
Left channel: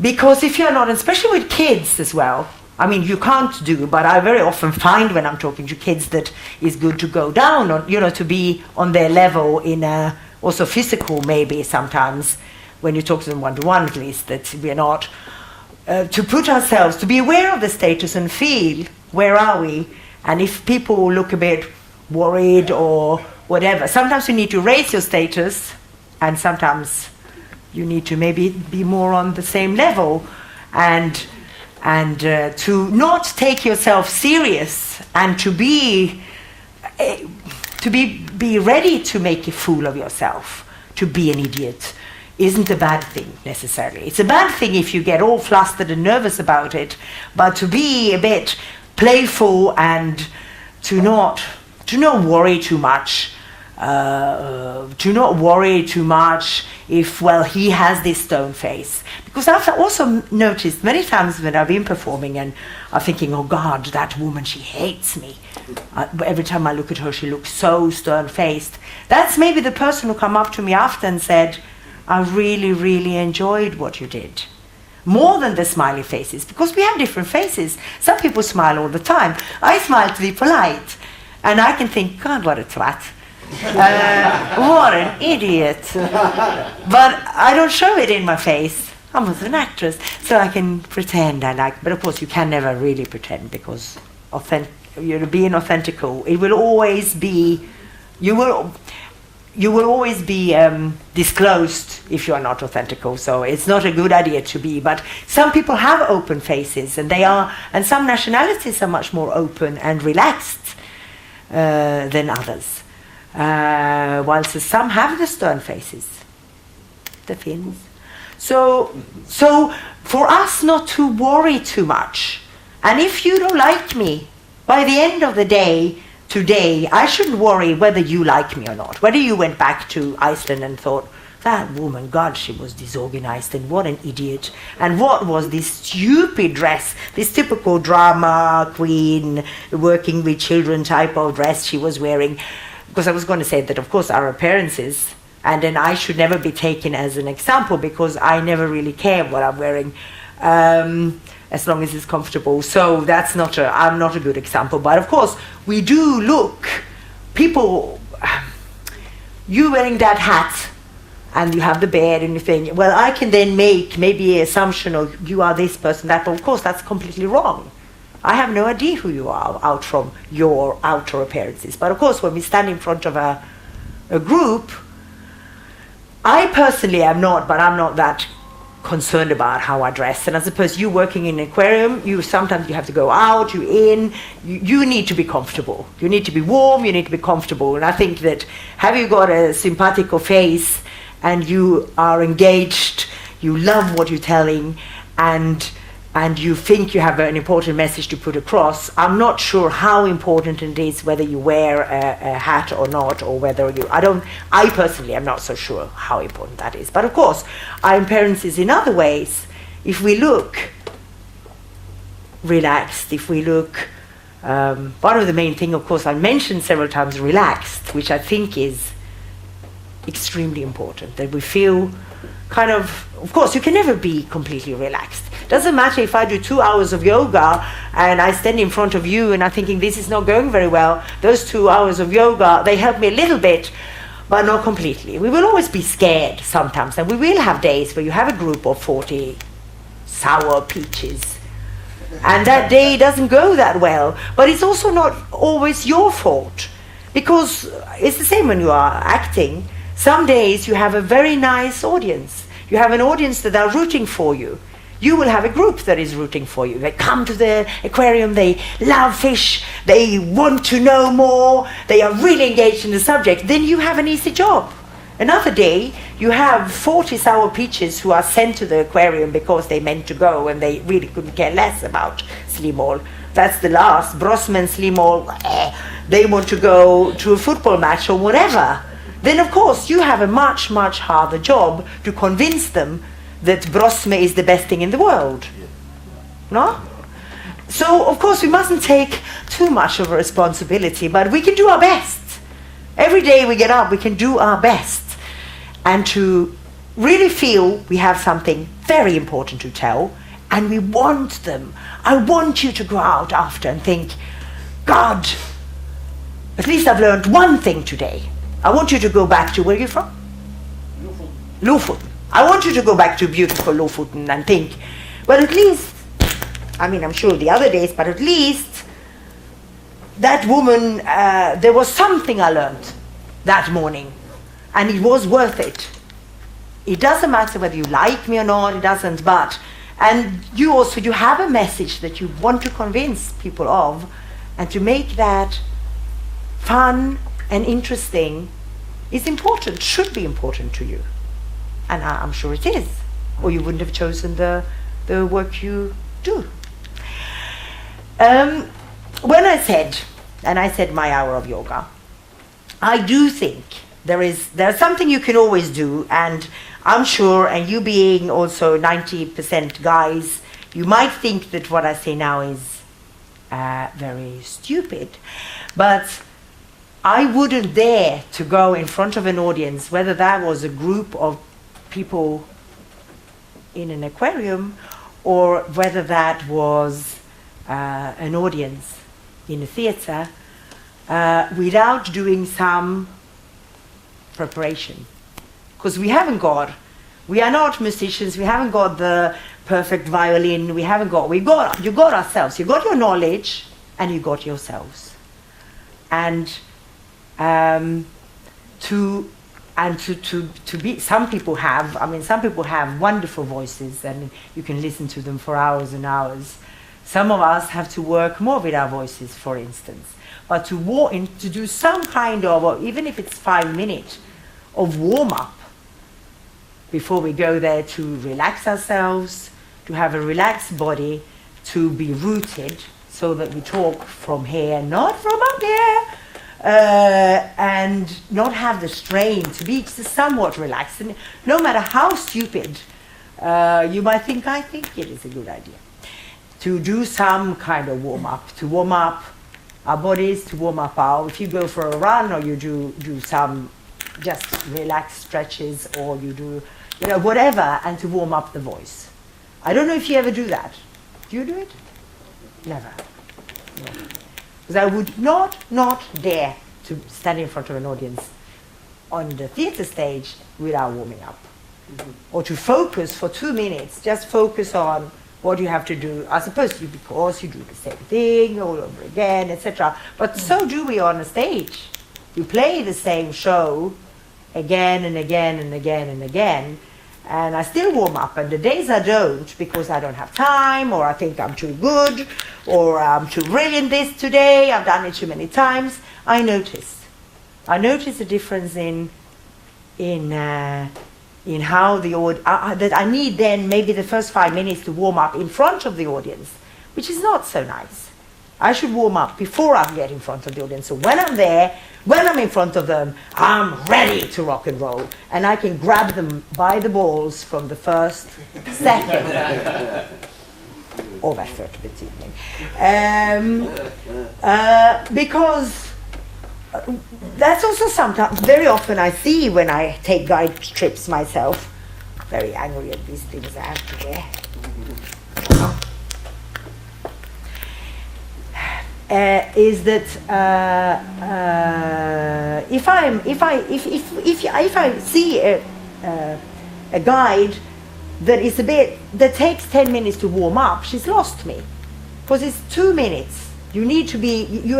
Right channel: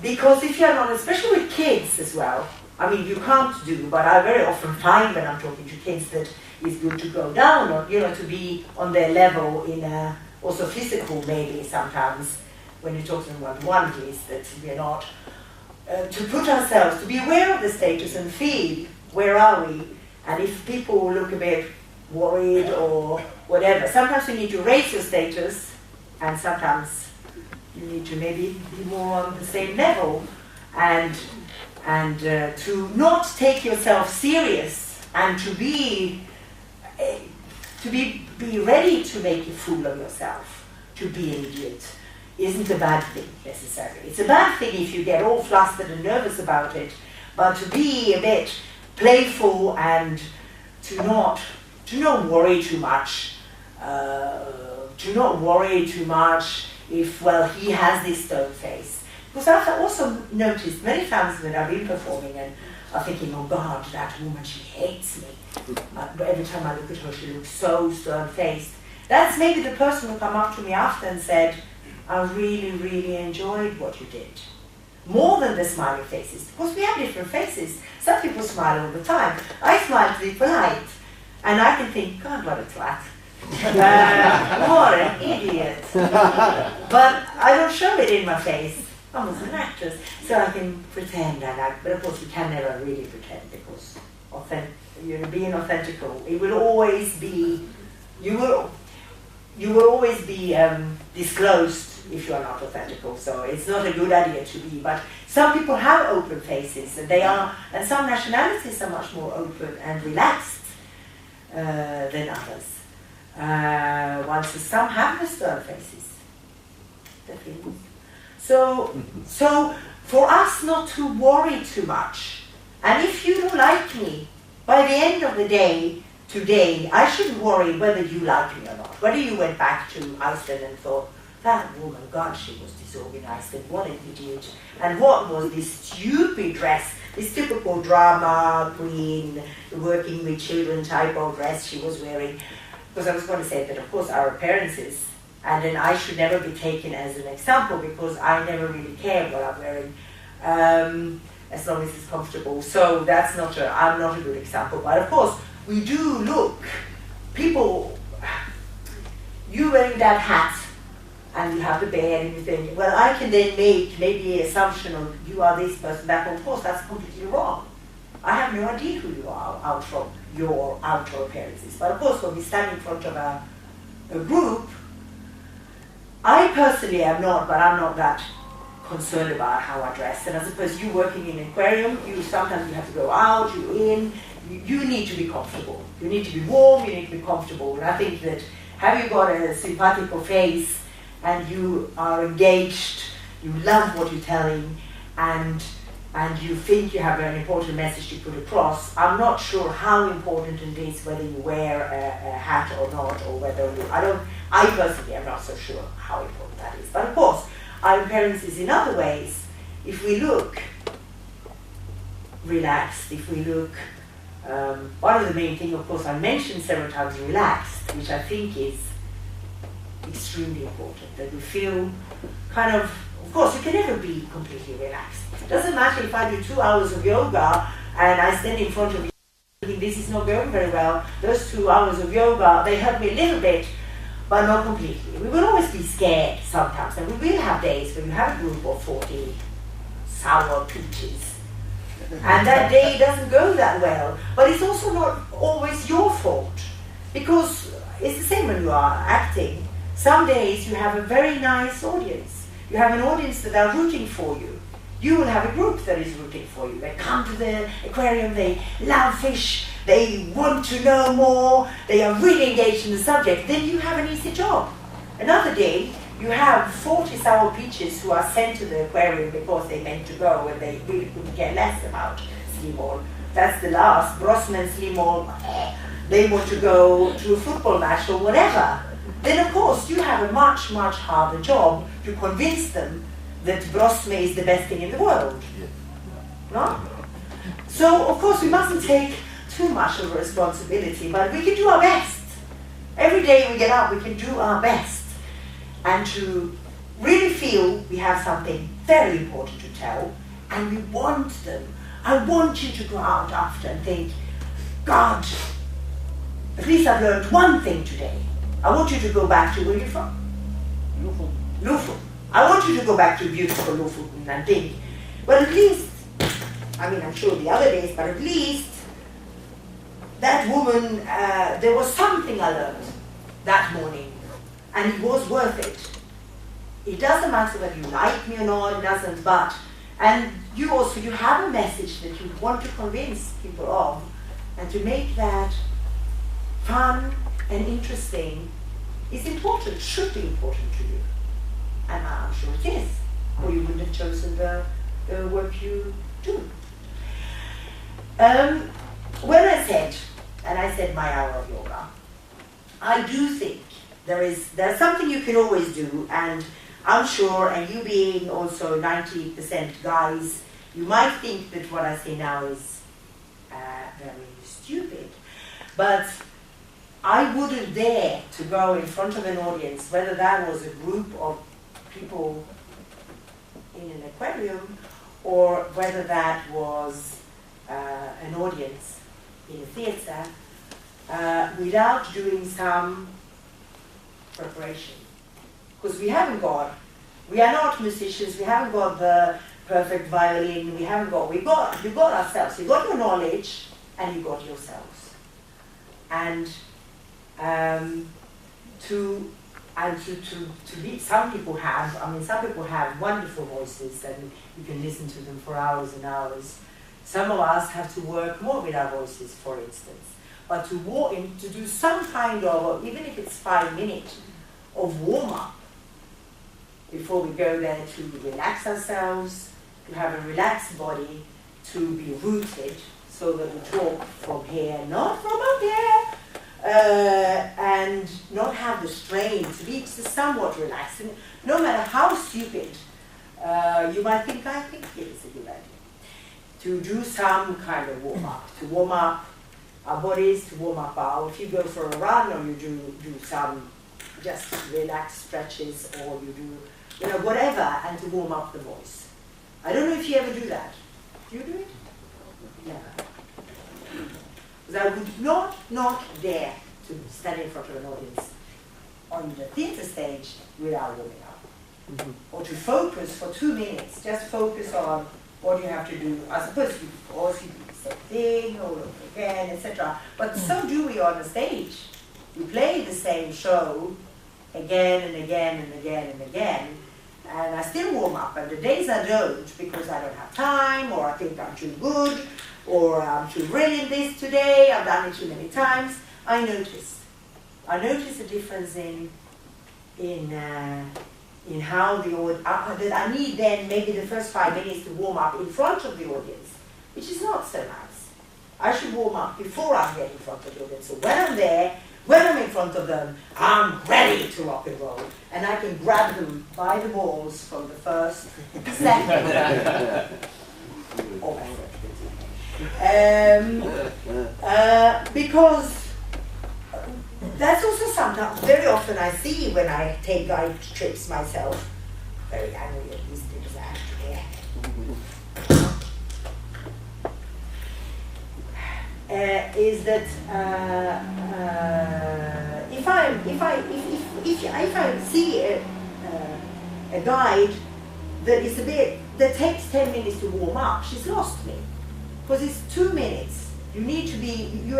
Because if you're not, especially with kids as well, I mean, you can't do, but I very often find when I'm talking to kids that it's good to go down, or, to be on their level in also physical maybe sometimes, when you talk to them one-to-one at least, that we are not, to put ourselves, to be aware of the status and feel, where are we? And if people look a bit worried or whatever, sometimes you need to raise your status, and sometimes you need to maybe be more on the same level, and to not take yourself serious, and to be ready to make a fool of yourself, to be an idiot, isn't a bad thing necessarily. It's a bad thing if you get all flustered and nervous about it, but to be a bit playful and to not worry too much, if, well, he has this stone face. Because I've also noticed many times when I've been performing and I'm thinking, oh God, that woman, she hates me. Every time I look at her, she looks so stern-faced. That's maybe the person who come up to me after and said, I really, really enjoyed what you did. More than the smiley faces, because we have different faces. Some people smile all the time. I smile to be polite. And I can think, God, what a twat. What an idiot. But I don't show it in my face. I was an actress, so I can pretend I like, but of course you can never really pretend, because being authentical, it will always be, you will always be disclosed if you are not authentical, so it's not a good idea to be. But some people have open faces, and and some nationalities are much more open and relaxed than others. Whilst some have the stern faces, the Finns. So for us not to worry too much, and if you don't like me, by the end of the day, today, I shouldn't worry whether you like me or not, whether you went back to Iceland and thought, that woman, God, she was disorganized, and what an idiot, and what was this stupid dress, this typical drama queen, working with children type of dress she was wearing. Because I was going to say that, of course, our appearances, and then I should never be taken as an example, because I never really care what I'm wearing, as long as it's comfortable. So that's I'm not a good example. But of course, we do look, people, you wearing that hat, and you have the beard and you think, well, I can then make maybe an assumption of you are this person, that, but of course that's completely wrong. I have no idea who you are out from your outer appearances. But of course, when we stand in front of a group, I personally am not, but I'm not that concerned about how I dress. And I suppose you working in an aquarium, sometimes you have to go out, you need to be comfortable. You need to be warm, you need to be comfortable. And I think that have you got a simpatico face and you are engaged, you love what you're telling, and you think you have an important message to put across, I'm not sure how important it is whether you wear a hat or not, or whether I personally am not so sure how important that is. But of course, our appearances in other ways, if we look relaxed, if we look, one of the main things, of course, I mentioned several times relaxed, which I think is extremely important, that we feel kind of course, you can never be completely relaxed. Doesn't matter if I do 2 hours of yoga and I stand in front of you and I'm thinking this is not going very well. Those 2 hours of yoga, they help me a little bit, but not completely. We will always be scared sometimes, and we will have days where you have a group of 40 sour peaches, and that day doesn't go that well. But it's also not always your fault, because it's the same when you are acting. Some days you have a very nice audience. You have an audience that are rooting for you. You will have a group that is rooting for you. They come to the aquarium, they love fish, they want to know more, they are really engaged in the subject. Then you have an easy job. Another day, you have 40 sour peaches who are sent to the aquarium because they meant to go and they really couldn't care less about Slimål. That's the last. Brosmen, Slimål, they want to go to a football match or whatever. Then of course you have a much, much harder job to convince them that Brosme is the best thing in the world. No? So of course we mustn't take too much of a responsibility, but we can do our best. Every day we get up, we can do our best. And to really feel we have something very important to tell, and we want them. I want you to go out after and think, God, at least I've learned one thing today. I want you to go back to, where are you from? Lofoten. I want you to go back to beautiful Lofoten and think, well, at least, I mean, I'm sure the other days, but at least that woman, there was something I learned that morning, and it was worth it. It doesn't matter whether you like me or not, it doesn't, but, and you also, you have a message that you want to convince people of, and to make that fun and interesting is important, should be important to you. And I'm sure it is, or you wouldn't have chosen the work you do. When I said my hour of yoga, I do think there's something you can always do, and I'm sure, and you being also 90% guys, you might think that what I say now is very stupid, but I wouldn't dare to go in front of an audience, whether that was a group of people in an aquarium or whether that was an audience in a theater, without doing some preparation. Because we are not musicians, we haven't got the perfect violin, you got ourselves, you got your knowledge and you got yourselves. And to be, some people have wonderful voices and you can listen to them for hours and hours. Some of us have to work more with our voices, for instance. But to do some kind of, or even if it's 5 minutes of warm-up before we go there, to relax ourselves, to have a relaxed body, to be rooted so that we talk from here, not from up here, and not have the strain, to be somewhat relaxed. And no matter how stupid you might think, I think it is a good idea to do some kind of warm-up, to warm up our bodies, to warm up if you go for a run, or you do some just relaxed stretches, or you do, whatever, and to warm up the voice. I don't know if you ever do that. Do you do it? Never. Because I would not dare to stand in front of an audience on the theater stage without warming up. Mm-hmm. Or to focus for 2 minutes, just focus on what you have to do. I suppose because you do the same thing all over again, etc. But so do we on a stage. We play the same show again and again and again and again, and I still warm up. And the days I don't, because I don't have time, or I think I'm too good, or I'm too brilliant this today, I've done it too many times, I notice a difference in how the that I need then maybe the first 5 minutes to warm up in front of the audience, which is not so nice. I should warm up before I get in front of the audience. So when I'm there, when I'm in front of them, I'm ready to rock and roll, and I can grab them by the balls from the first second of effort. Because that's also sometimes, very often I see when I take guide trips myself, very angry at these things I have to wear. Is that if I see a guide that takes 10 minutes to warm up, she's lost me, because it's 2 minutes. You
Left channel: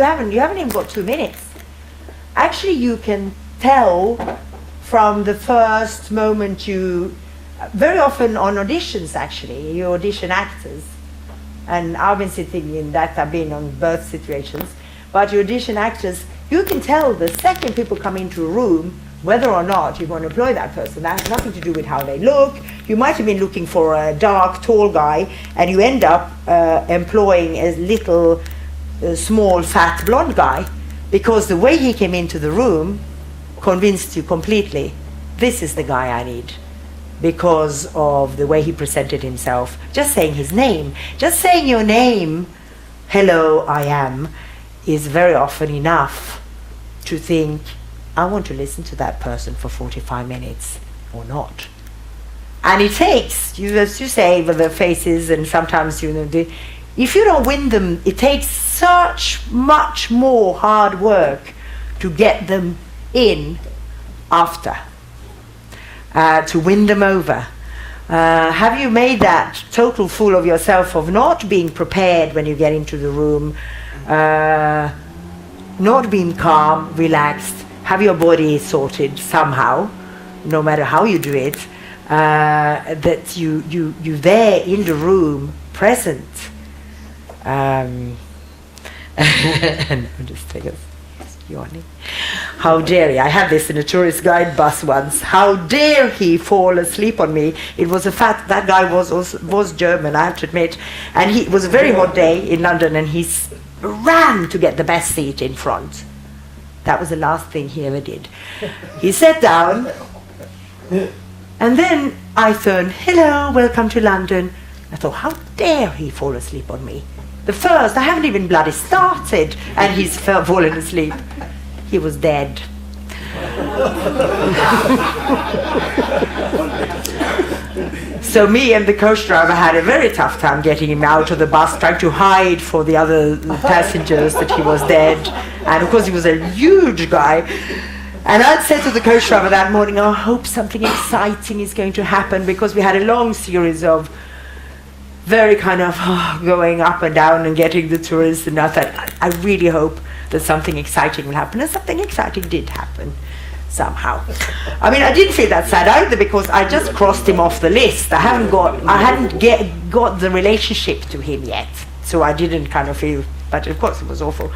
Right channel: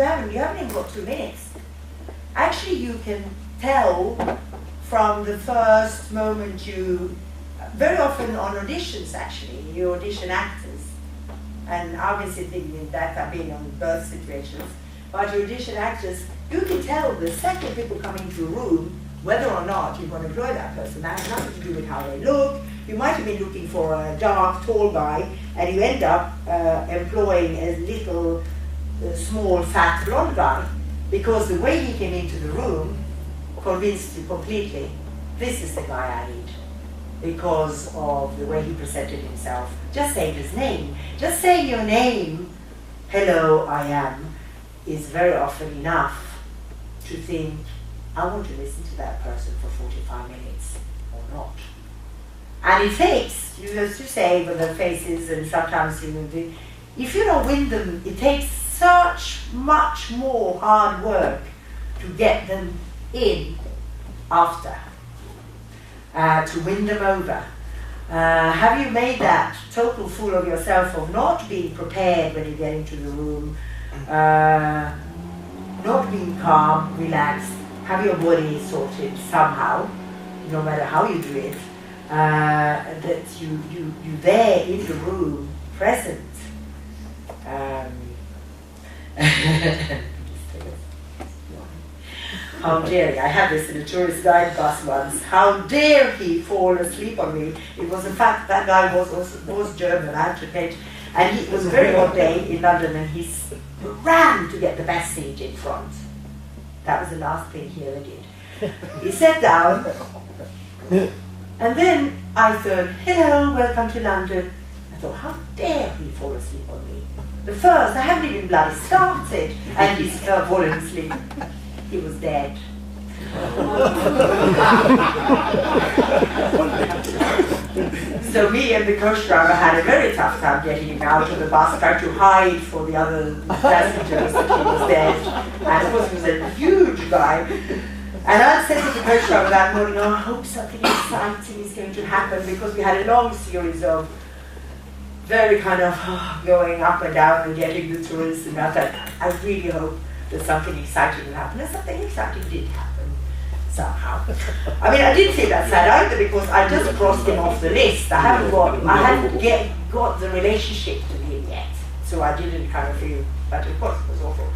haven't even got 2 minutes. Actually, you can tell from the first moment very often on auditions actually, you audition actors. And I've been sitting in that, I've been on birth situations, but you audition actors, you can tell the second people come into a room whether or not you want to employ that person. That has nothing to do with how they look. You might have been looking for a dark, tall guy, and you end up employing a little, small, fat, blonde guy, because the way he came into the room convinced you completely, this is the guy I need, because of the way he presented himself. Just saying his name, just saying your name, hello, I am, is very often enough to think, I want to listen to that person for 45 minutes or not. And it takes, as you say, with the faces, and sometimes if you don't win them, it takes such much more hard work to get them in after. to win them over? Have you made that total fool of yourself of not being prepared when you get into the room, not being calm, relaxed, have your body sorted somehow, no matter how you do it, that you there in the room, present. Just take a yawning. How dare he? I had this in a tourist guide bus once. How dare he fall asleep on me? It was a fact that guy was German, I have to admit, and it was a very hot day in London, and he ran to get the best seat in front. That was the last thing he ever did. He sat down, and then I thought, hello, welcome to London. I thought, how dare he fall asleep on me? The first, I haven't even bloody started, and he's fallen asleep. He was dead. So me and the coach driver had a very tough time getting him out of the bus, trying to hide for the other passengers that he was dead. And of course he was a huge guy. And I'd said to the coach driver that morning, oh, I hope something exciting is going to happen, because we had a long series of very kind of going up and down and getting the tourists, and I thought, I really hope that something exciting will happen, and something exciting did happen somehow. I mean, I didn't feel that sad either, because I just crossed him off the list. I hadn't got the relationship to him yet, so I didn't kind of feel. But of course, it was awful.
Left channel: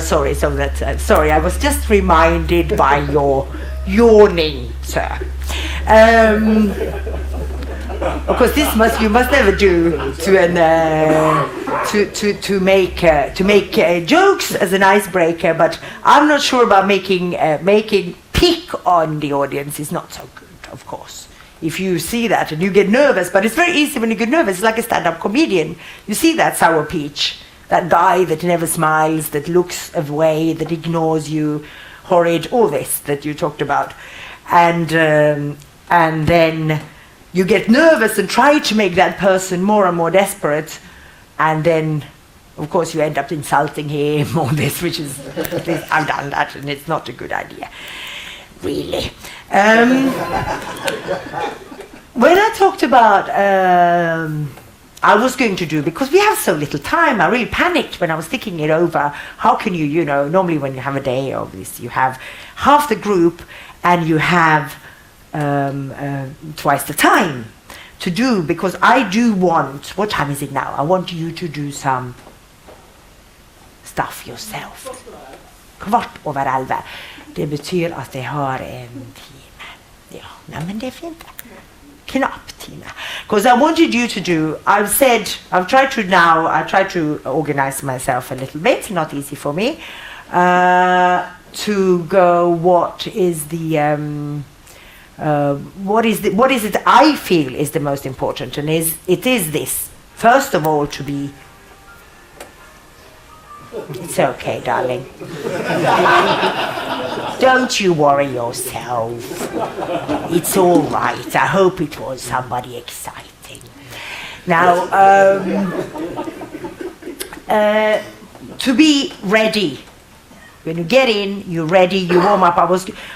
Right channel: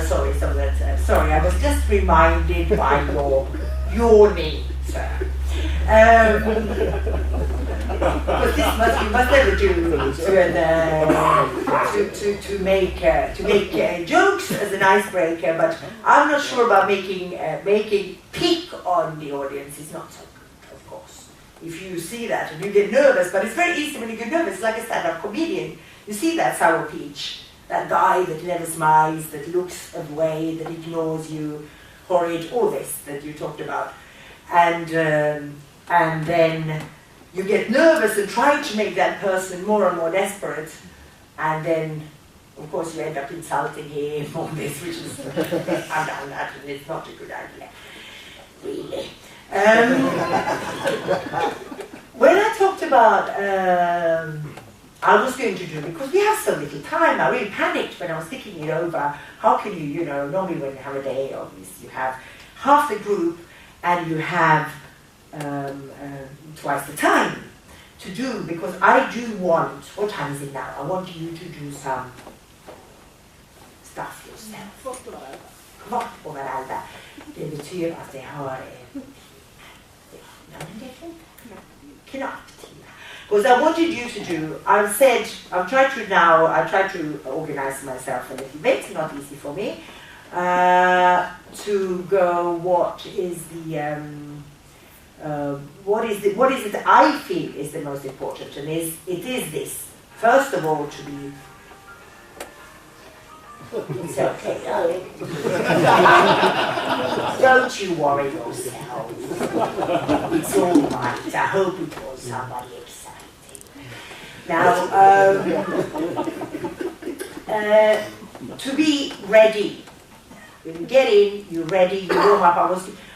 Sorry. So that sorry, I was just reminded by your yawning, sir. Because you must never do to make jokes as an icebreaker. But I'm not sure about making pick on the audience is not so good, of course. If you see that and you get nervous, but it's very easy when you get nervous. It's like a stand-up comedian. You see that sour peach, that guy that never smiles, that looks away, that ignores you, horrid, all this that you talked about, and then you get nervous and try to make that person more and more desperate, and then, of course, you end up insulting him or this, which is, I've done that, and it's not a good idea, really. When I talked about, I was going to do, because we have so little time, I really panicked when I was thinking it over. How can you normally when you have a day of this, you have half the group, and you have twice the time to do, because I do want, what time is it now? I want you to do some stuff yourself. 11:15. Det betyder att det har en timme. Ja, nej men det är fint. Knapp timme. Because I wanted you to do, I try to organize myself a little bit, not easy for me, to go, what is it I feel is the most important, and it is this. First of all, to be. It's okay, darling. Don't you worry yourself. It's all right. I hope it was somebody exciting. Now, to be ready. When you get in, you're ready, you warm up.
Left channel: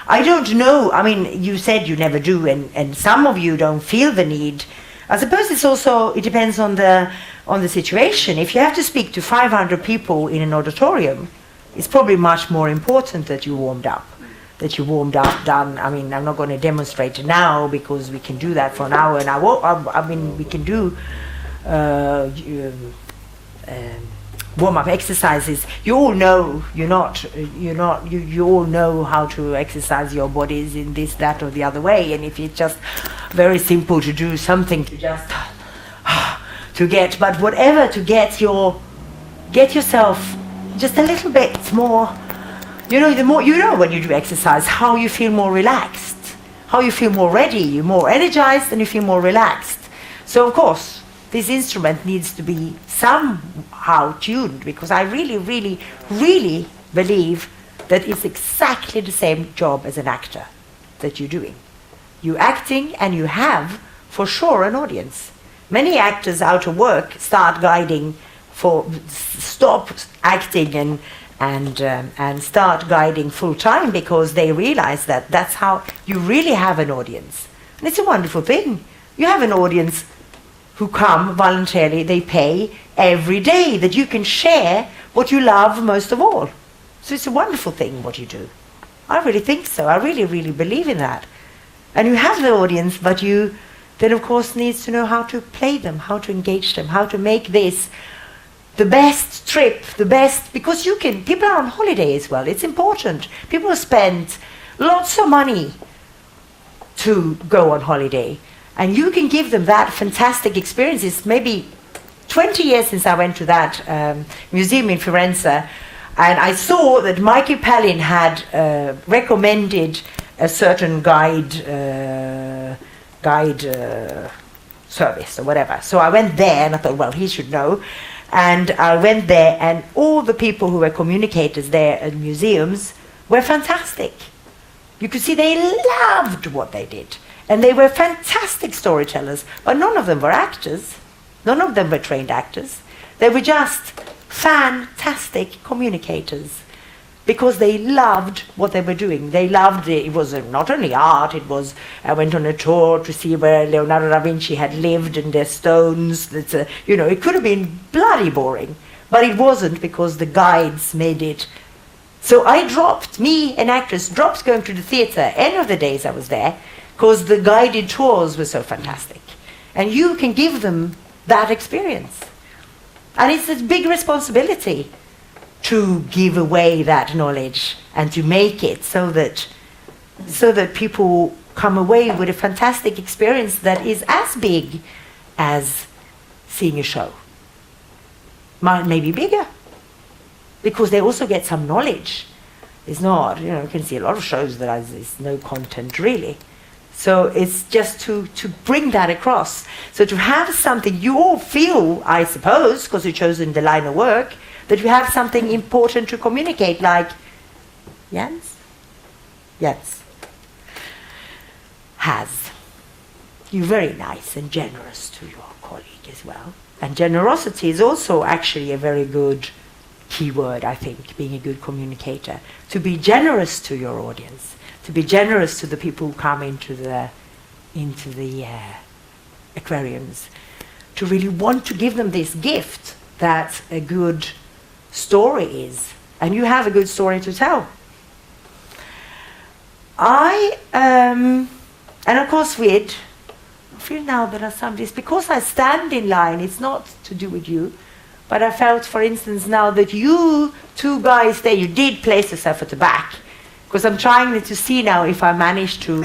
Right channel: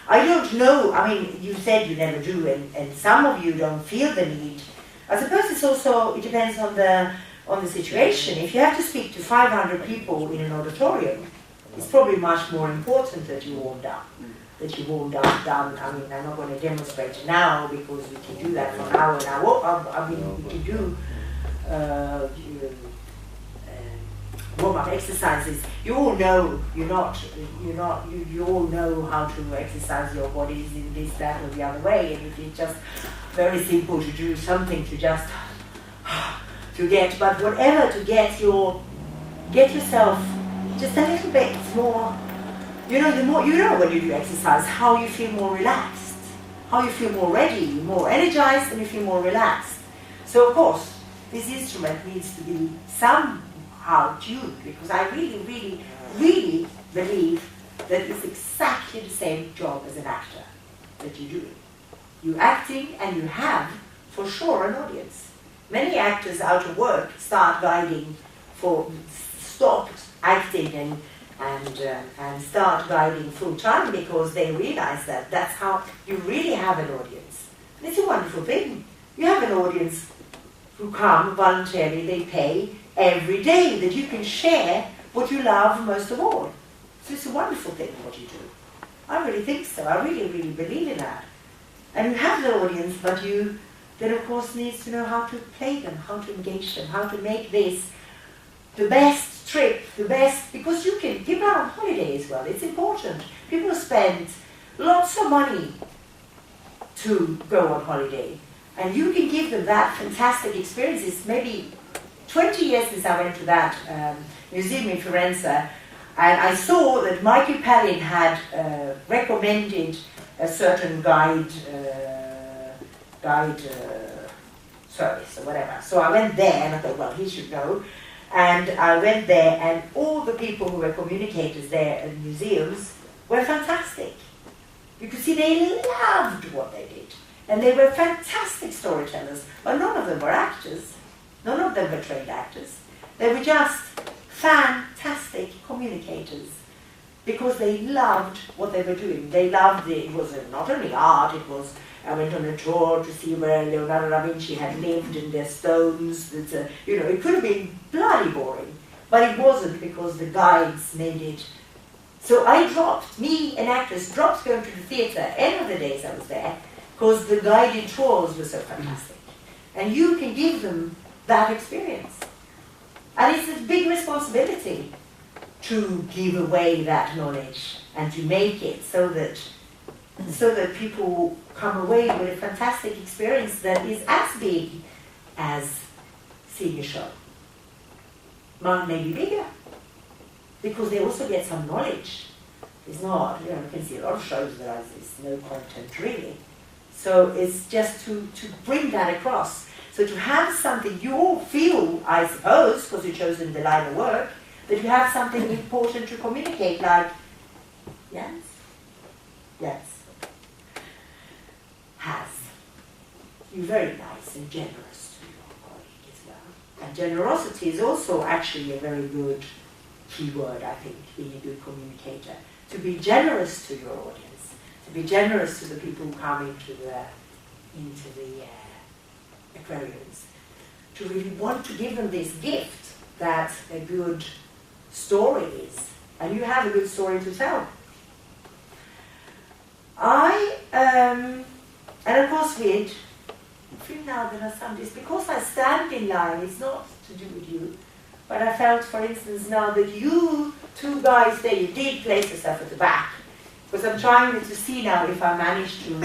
I don't know, I mean, you said you never do, and some of you don't feel the need. I suppose it depends on the situation. If you have to speak to 500 people in an auditorium, it's probably much more important that you warmed up. Done. I mean, I'm not going to demonstrate it now, because we can do that for an hour, and we can do warm-up exercises. You all know you all know how to exercise your bodies in this, that, or the other way. And if it's just very simple to do something to just to get, but whatever to get yourself just a little bit more. The more when you do exercise, how you feel more relaxed, how you feel more ready, you're more energized, and you feel more relaxed. So of course, this instrument needs to be somehow tuned, because I really, really, really believe that it's exactly the same job as an actor that you're doing. You're acting, and you have, for sure, an audience. Many actors out of work start guiding for stop acting and start guiding full time, because they realize that that's how you really have an audience. And it's a wonderful thing. You have an audience who come voluntarily, they pay every day, that you can share what you love most of all. So it's a wonderful thing what you do. I really think so. I really, really believe in that. And you have the audience, but you then of course needs to know how to play them, how to engage them, how to make this the best trip, the best, because people are on holiday as well. It's important. People spend lots of money to go on holiday, and you can give them that fantastic experience. It's maybe 20 years since I went to that museum in Firenze, and I saw that Michael Palin had recommended a certain guide service or whatever. So I went there and I thought, well, he should know. And I went there, and all the people who were communicators there at museums were fantastic. You could see they loved what they did. And they were fantastic storytellers, but none of them were actors. None of them were trained actors. They were just fantastic communicators, because they loved what they were doing. They loved it. It was not only art, it was, I went on a tour to see where Leonardo da Vinci had lived and their stones. It could have been bloody boring, but it wasn't, because the guides made it. So me, an actress, dropped going to the theatre any of the days I was there, because the guided tours were so fantastic. And you can give them that experience. And it's a big responsibility to give away that knowledge and to make it so that people come away with a fantastic experience that is as big as seeing a show. Maybe bigger, because they also get some knowledge. It's not, you can see a lot of shows that there's no content really. So it's just to bring that across. So to have something you all feel, I suppose, because you've chosen the line of work, that you have something important to communicate, like Jens has. You're very nice and generous to your colleague as well. And generosity is also actually a very good keyword, I think, being a good communicator. To be generous to your audience, to be generous to the people who come into the aquariums, to really want to give them this gift that a good story is, and you have a good story to tell. And of course I feel now there are some days, because I stand in line, it's not to do with you, but I felt, for instance, now that you two guys there, you did place yourself at the back, because I'm trying to see now if I manage to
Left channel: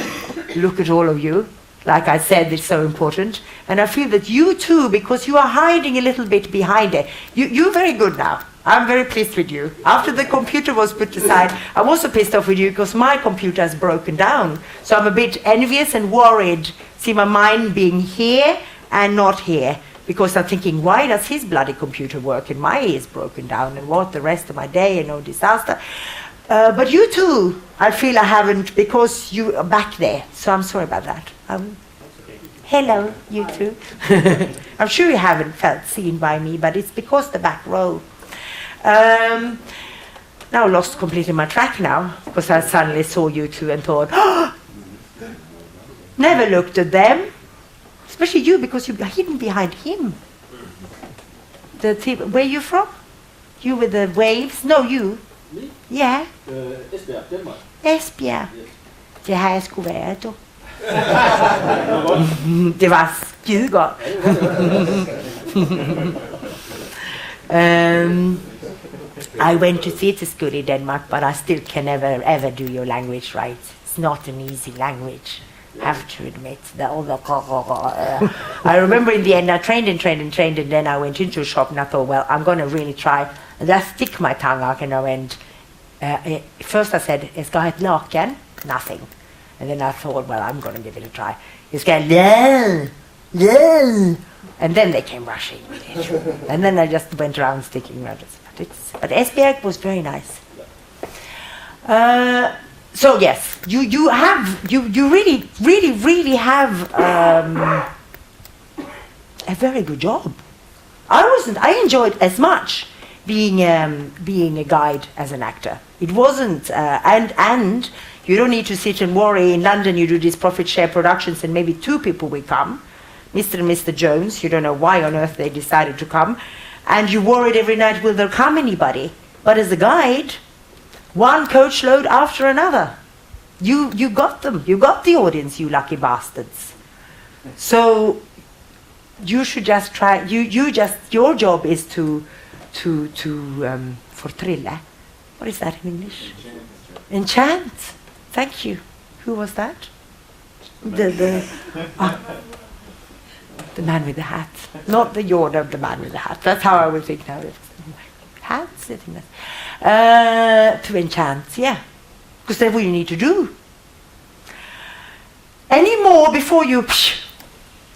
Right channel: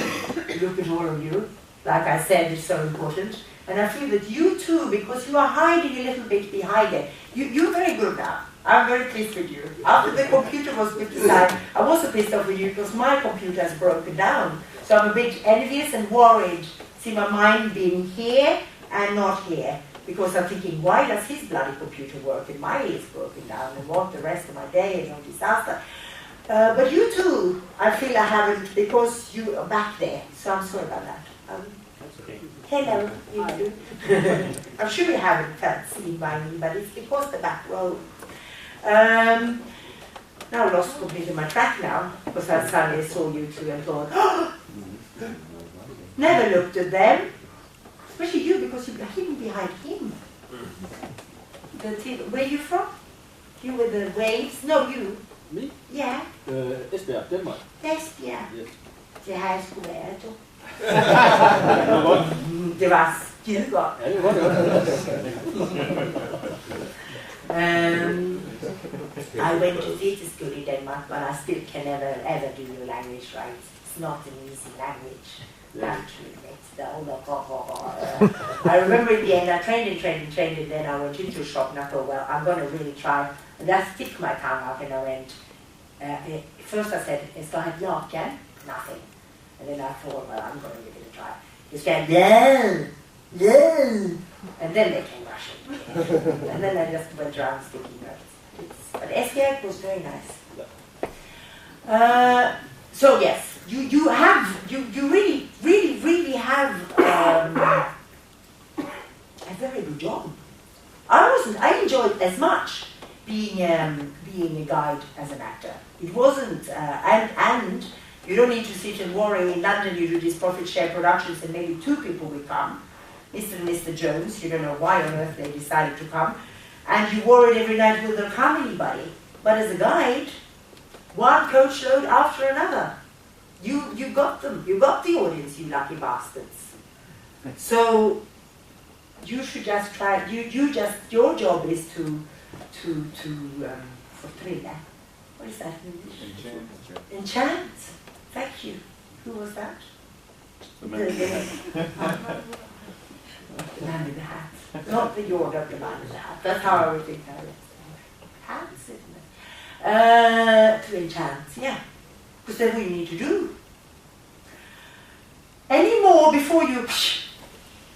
look at all of you. Like I said, it's so important. And I feel that you too, because you are hiding a little bit behind it, you're very good now. I'm very pleased with you. After the computer was put aside, I'm also pissed off with you because my computer has broken down. So I'm a bit envious and worried, see my mind being here and not here. Because I'm thinking, why does his bloody computer work and my is broken down, and what the rest of my day, and no disaster. But you too, I feel I haven't, because you are back there. So I'm sorry about that. Hello, you too. I'm sure you haven't felt seen by me, but it's because the back row. Now I lost completely my track now, because I suddenly saw you two and thought, oh, never looked at them. Especially you, because you're hidden behind him. Where are you from? You with the waves? No, you. Me? Yeah. Esbjerg, Denmark. Esbjerg. Yes. Det har jeg sgu været, du. Det var skide godt. I went to theatre school in Denmark, but I still can never ever do your language right. It's not an easy language. I have to admit. I remember in the end I trained, and then I went into a shop and I thought, well, I'm going to really try. And I stick my tongue out and I went, first I said, jag ska ha ett lakan, nothing. And then I thought, well, I'm going to give it a try. Jag ska and then they came rushing. And then I just went around sticking rabbits. But Esbjerg was very nice. So yes, you really have a very good job. I enjoyed as much being a guide as an actor. It wasn't, and you don't need to sit and worry. In London, you do these profit share productions, and maybe 2 people will come, Mr. and Mr. Jones. You don't know why on earth they decided to come, and you worried every night, will there come anybody? But as a guide, one coach load after another. You got them. You got the audience, you lucky bastards. So you should just try. Your job is to fortrilla. What is that in English? Enchant. Thank you. Who was that? The man with the hat. Not the York of the man with the hat. That's how I would think now. Hat sitting there. To enchant, yeah. Because that's what you need to do. Any more before you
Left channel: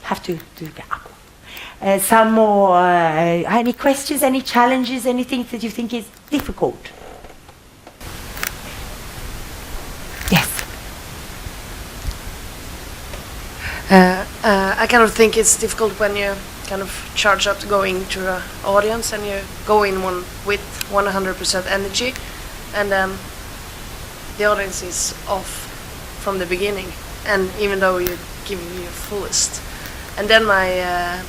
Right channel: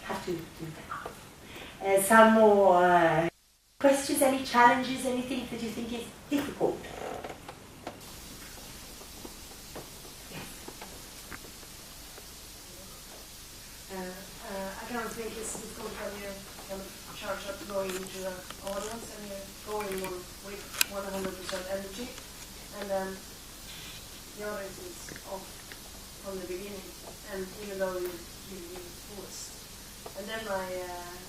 have to do that. Some more, any questions, any challenges, anything that you think is difficult? Yes. I kind of think it's difficult when you kind of charge up to going to the audience and you go in with 100% energy, and then the audience is off from the beginning, and even though you give me your fullest, and then my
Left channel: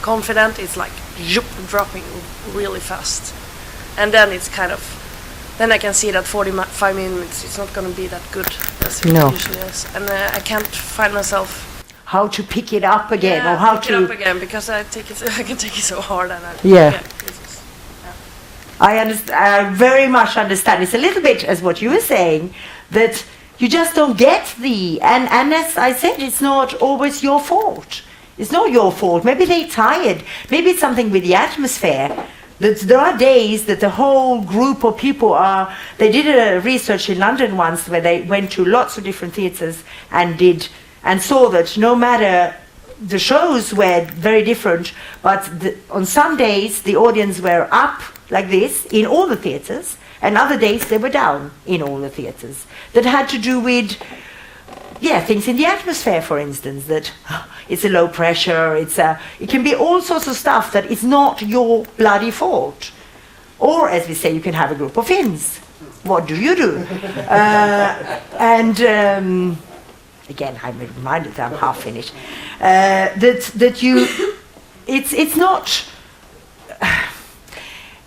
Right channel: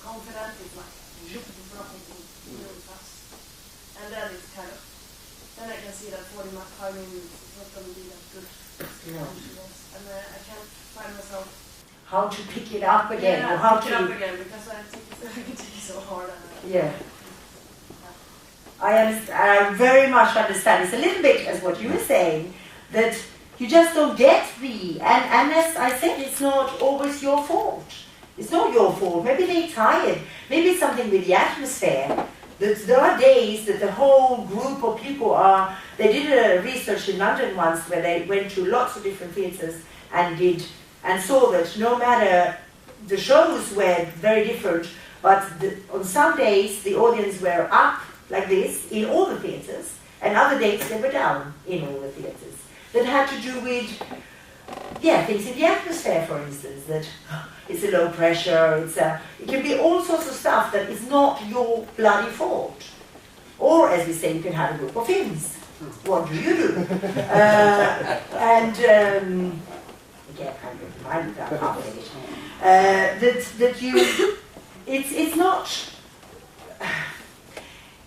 confidence is like dropping really fast, and then it's kind of, then I can see that 45 minutes it's not going to be that good as it usually is, and I can't find myself how to pick it up again, yeah, or how pick to it up again, because I can take it so hard, and I very much understand. It's a little bit as what you were saying, that you just don't get and as I said, it's not always your fault. It's not your fault. Maybe they're tired. Maybe it's something with the atmosphere. There are days that the whole group of people are, they did a research in London once where they went to lots of different theatres and saw that no matter, the shows were very different, but on some days the audience were up like this in all the theatres, and other days they were down in all the theatres. That had to do with, things in the atmosphere, for instance, that it's a low pressure, it can be all sorts of stuff that is not your bloody fault. Or, as we say, you can have a group of Finns. What do you do? Again, I'm reminded that I'm half finished. It's not,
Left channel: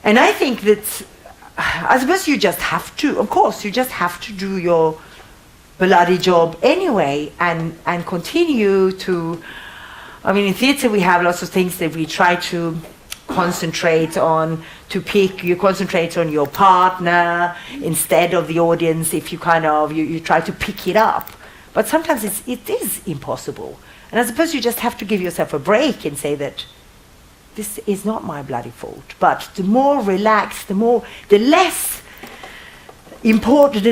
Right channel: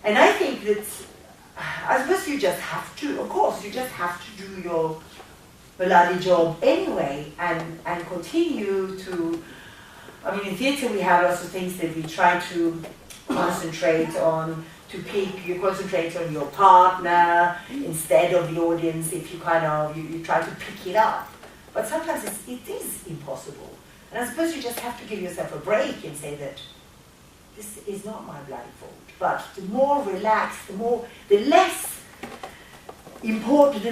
and I think that, I suppose you just have to, of course, you just have to do your bloody job anyway, and continue to, I mean, in theatre we have lots of things that we try to concentrate on, you concentrate on your partner instead of the audience, if you you try to pick it up. But sometimes it is impossible. And I suppose you just have to give yourself a break and say that this is not my bloody fault. But the more relaxed, the less important,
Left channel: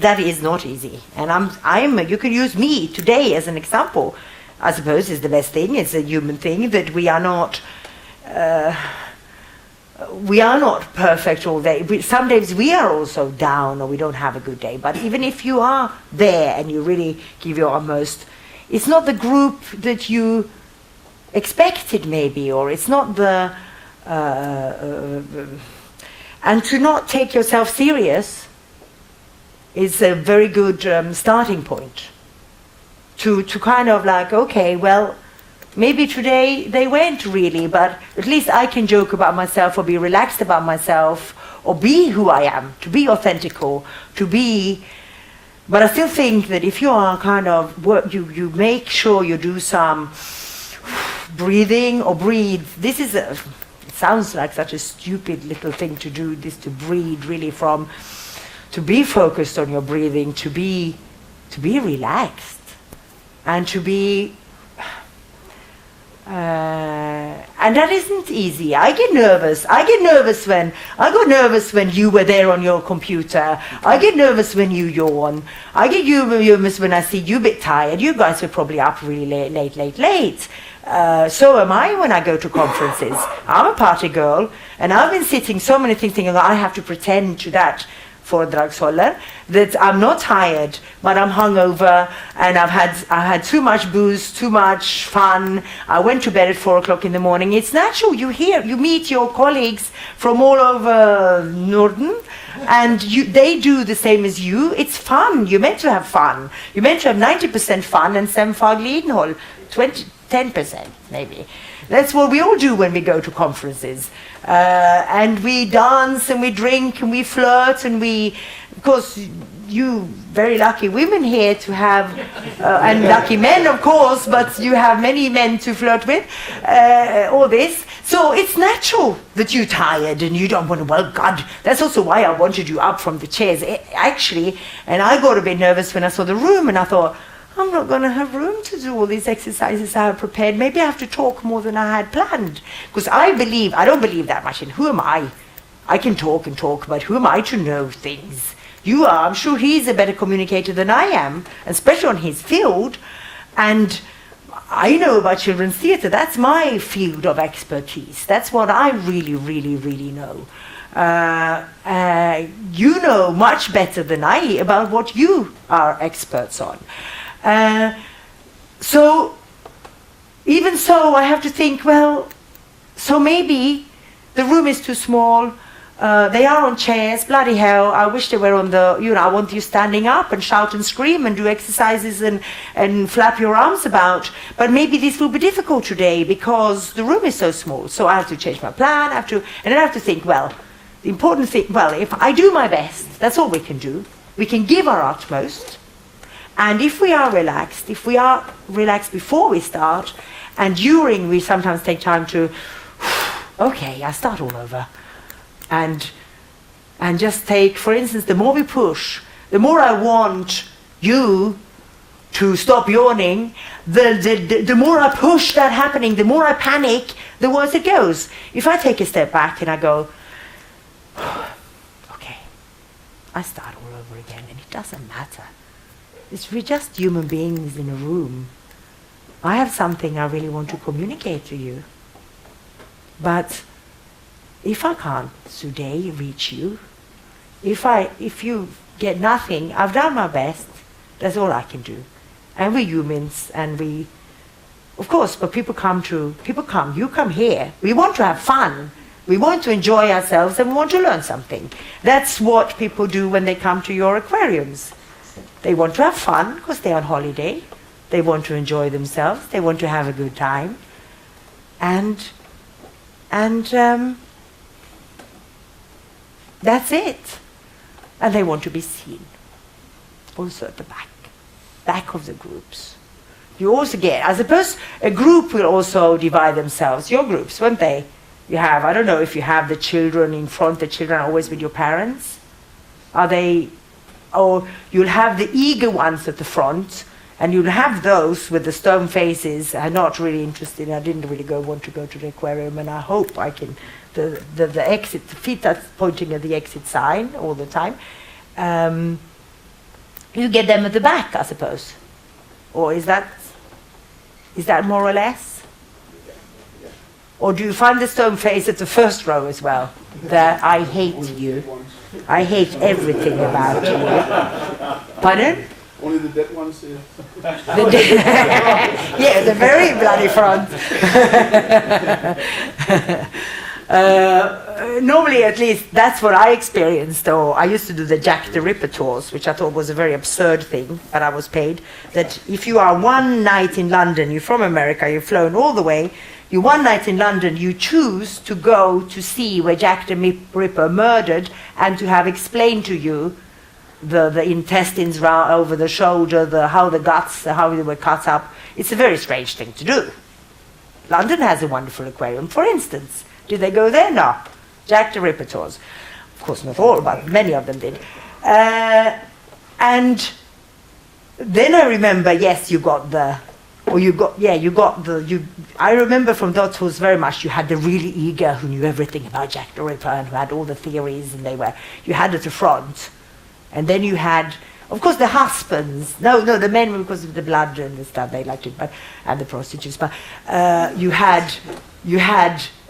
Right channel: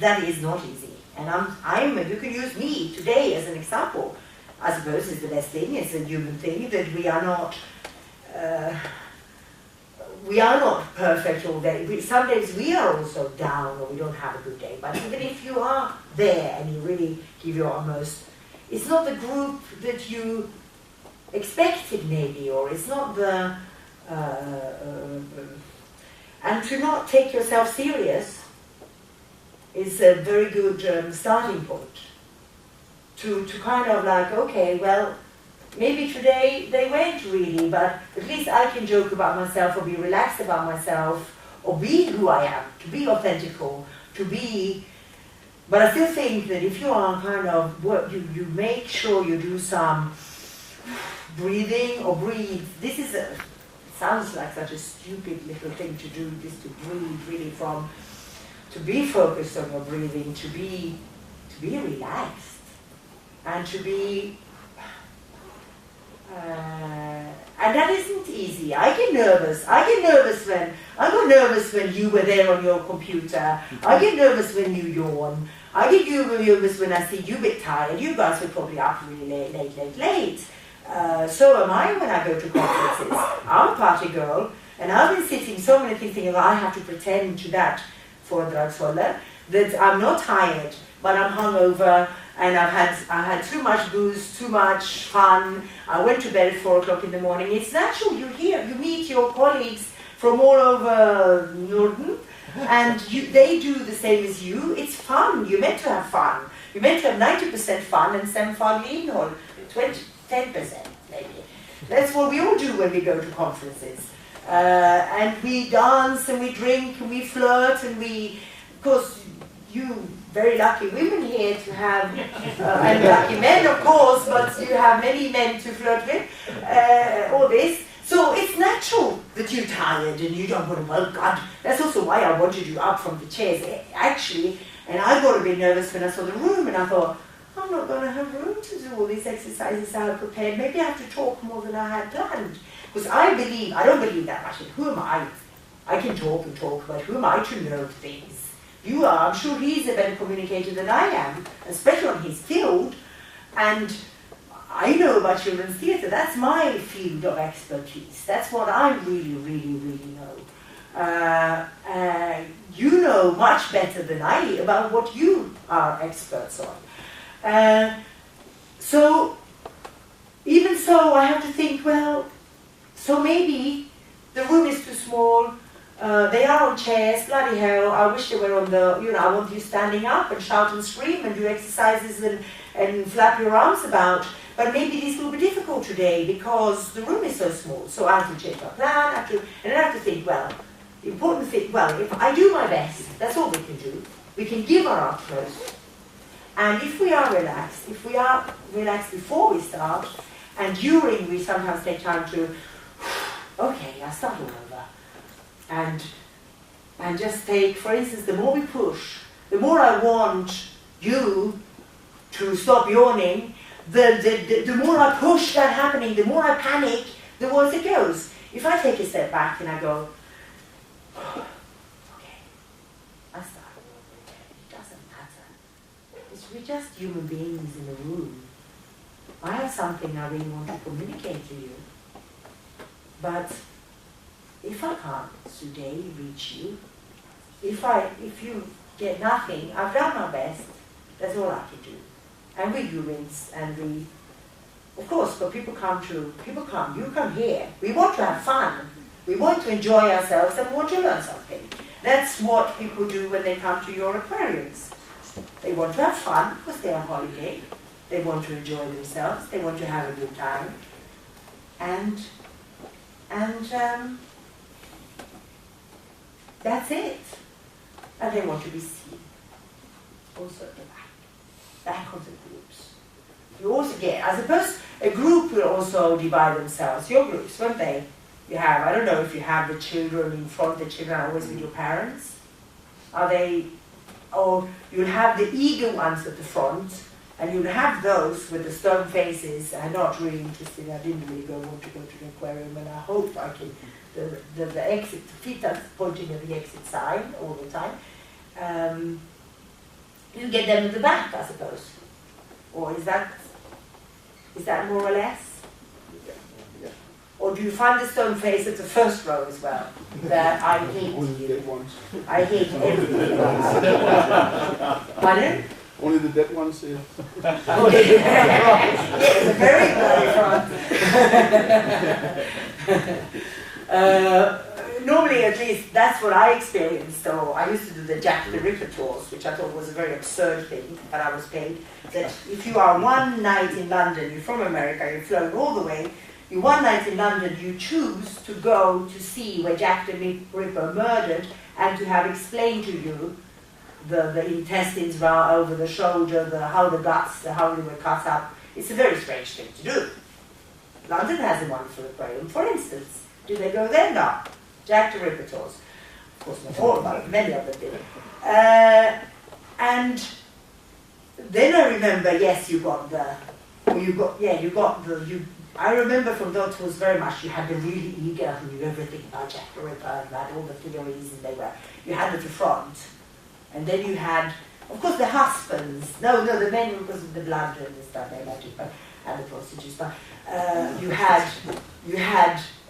that is not easy. And you can use me today as an example. I suppose is the best thing. It's a human thing that we are not perfect all day. Some days we are also down, or we don't have a good day. But even if you are there and you really give your utmost, it's not the group that you expected, maybe, or it's not the. And to not take yourself serious is a very good starting point. To kind of like, okay, well, maybe today they went really, but at least I can joke about myself, or be relaxed about myself, or be who I am, to be authentic, or to be. But I still think that if you are kind of, you make sure you do some breathing or breathe. This is it sounds like such a stupid little thing to do, this, to breathe really to be focused on your breathing, to be relaxed, and to be, and that isn't easy. I get nervous. I got nervous when you were there on your computer. I get nervous when you yawn. I get nervous when I see you a bit tired. You guys are probably up really late. So am I when I go to conferences. I'm a party girl, and I've been sitting so many things thinking, I have to pretend to that foredragsholdare, that I'm not tired, but I'm hungover, and I had too much booze, too much fun. I went to bed at 4 o'clock in the morning. It's natural. You meet your colleagues from all over Norden, and they do the same as you. It's fun. You're meant to have fun. You're meant to have 90% fun and some faglig innehåll, 10% maybe. That's what we all do when we go to conferences. And we dance and we drink and we flirt and of course, you very lucky women here to have, and lucky men of course, but you have many men to flirt with, all this. So it's natural that you're tired and you don't want to, well, God, that's also why I wanted you up from the chairs, actually. And I got a bit nervous when I saw the room, and I thought, I'm not going to have room to do all these exercises I have prepared. Maybe I have to talk more than I had planned. Because I don't believe that much in who am I? I can talk and talk, but who am I to know things? You are. I'm sure he's a better communicator than I am, especially on his field. And I know about children's theatre. That's my field of expertise. That's what I really, really, really know. You know much better than I about what you are experts on. So, even so, I have to think, well, so maybe the room is too small, they are on chairs, bloody hell, I wish they were on I want you standing up and shout and scream and do exercises and flap your arms about, but maybe this will be difficult today because the room is so small, so I have to change my plan, and then I have to think, well, the important thing, well, if I do my best, that's all we can do, we can give our utmost. And if we are relaxed before we start, and during we sometimes take time to, okay, I start all over. And just take, for instance, the more we push, the more I want you to stop yawning, the more I push that happening, the more I panic, the worse it goes. If I take a step back and I go, okay, I start all over again, and it doesn't matter. We're just human beings in a room. I have something I really want to communicate to you. But if I can't today reach you, if you get nothing, I've done my best. That's all I can do. And we're humans, and of course, but you come here. We want to have fun. We want to enjoy ourselves, and we want to learn something. That's what people do when they come to your aquariums. They want to have fun because they're on holiday. They want to enjoy themselves. They want to have a good time. And that's it. And they want to be seen. Also at the back of the groups. You also get, I suppose, a group will also divide themselves. Your groups, won't they? You have, I don't know if you have the children in front, the children are always with your parents. Are they? Or you'll have the eager ones at the front, and you'll have those with the stone faces are not really interested. I didn't really want to go to the aquarium, and I hope I can. The exit, the feet that's pointing at the exit sign all the time. You get them at the back, I suppose, or is that more or less? Or do you find the stone face at the first row as well? That I hate you. I hate everything about you. Pardon? Only the dead ones here. Yeah, the very bloody front. Normally, at least, that's what I experienced. Though I used to do the Jack the Ripper tours, which I thought was a very absurd thing, but I was paid. That if you are one night in London, you're from America, you've flown all the way, you one night in London, you choose to go to see where Jack the Ripper murdered, and to have explained to you the intestines over the shoulder, how the guts, how they were cut up. It's a very strange thing to do. London has a wonderful aquarium, for instance. Did they go there? No. Jack the Ripper tours. Of course, not all, but many of them did. And then I remember, yes, I remember from those tours very much, you had the really eager who knew everything about Jack the Ripper and who had all the theories, and you had at the front. And then you had, of course, the husbands. No, the men, because of the blood and the stuff they liked it, and the prostitutes. But you had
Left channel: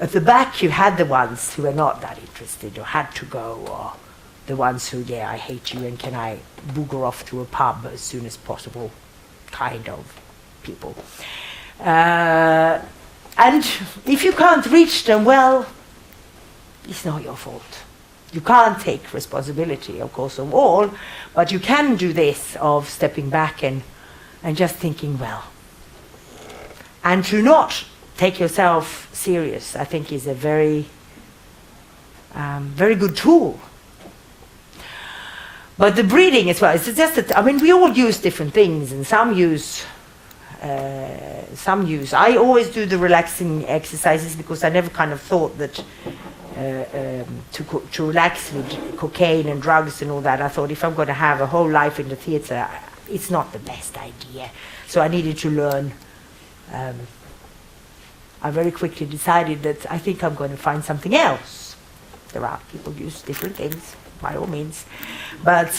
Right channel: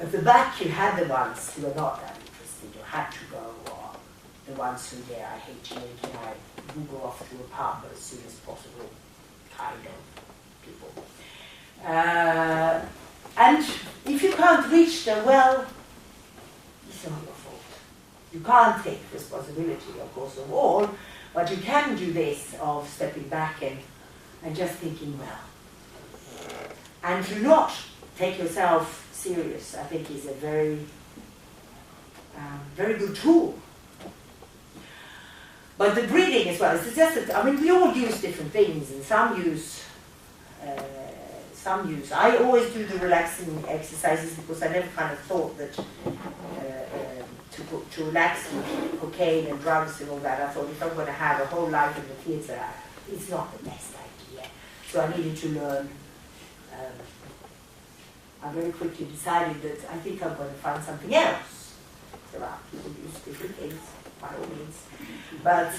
at the back, you had the ones who were not that interested or had to go, or the ones who, I hate you and can I booger off to a pub as soon as possible kind of people. And if you can't reach them, well, it's not your fault. You can't take responsibility, of course, of all, but you can do this of stepping back and just thinking, well. And to not take yourself serious, I think, is a very, very good tool. But the breathing as well, it's just that, I mean, we all use different things, and some use, I always do the relaxing exercises because I never kind of thought that to relax with cocaine and drugs and all that, I thought if I'm going to have a whole life in the theatre, it's not the best idea. So I needed to learn. I very quickly decided that I think I'm going to find something else. There are people who use different things, by all means, but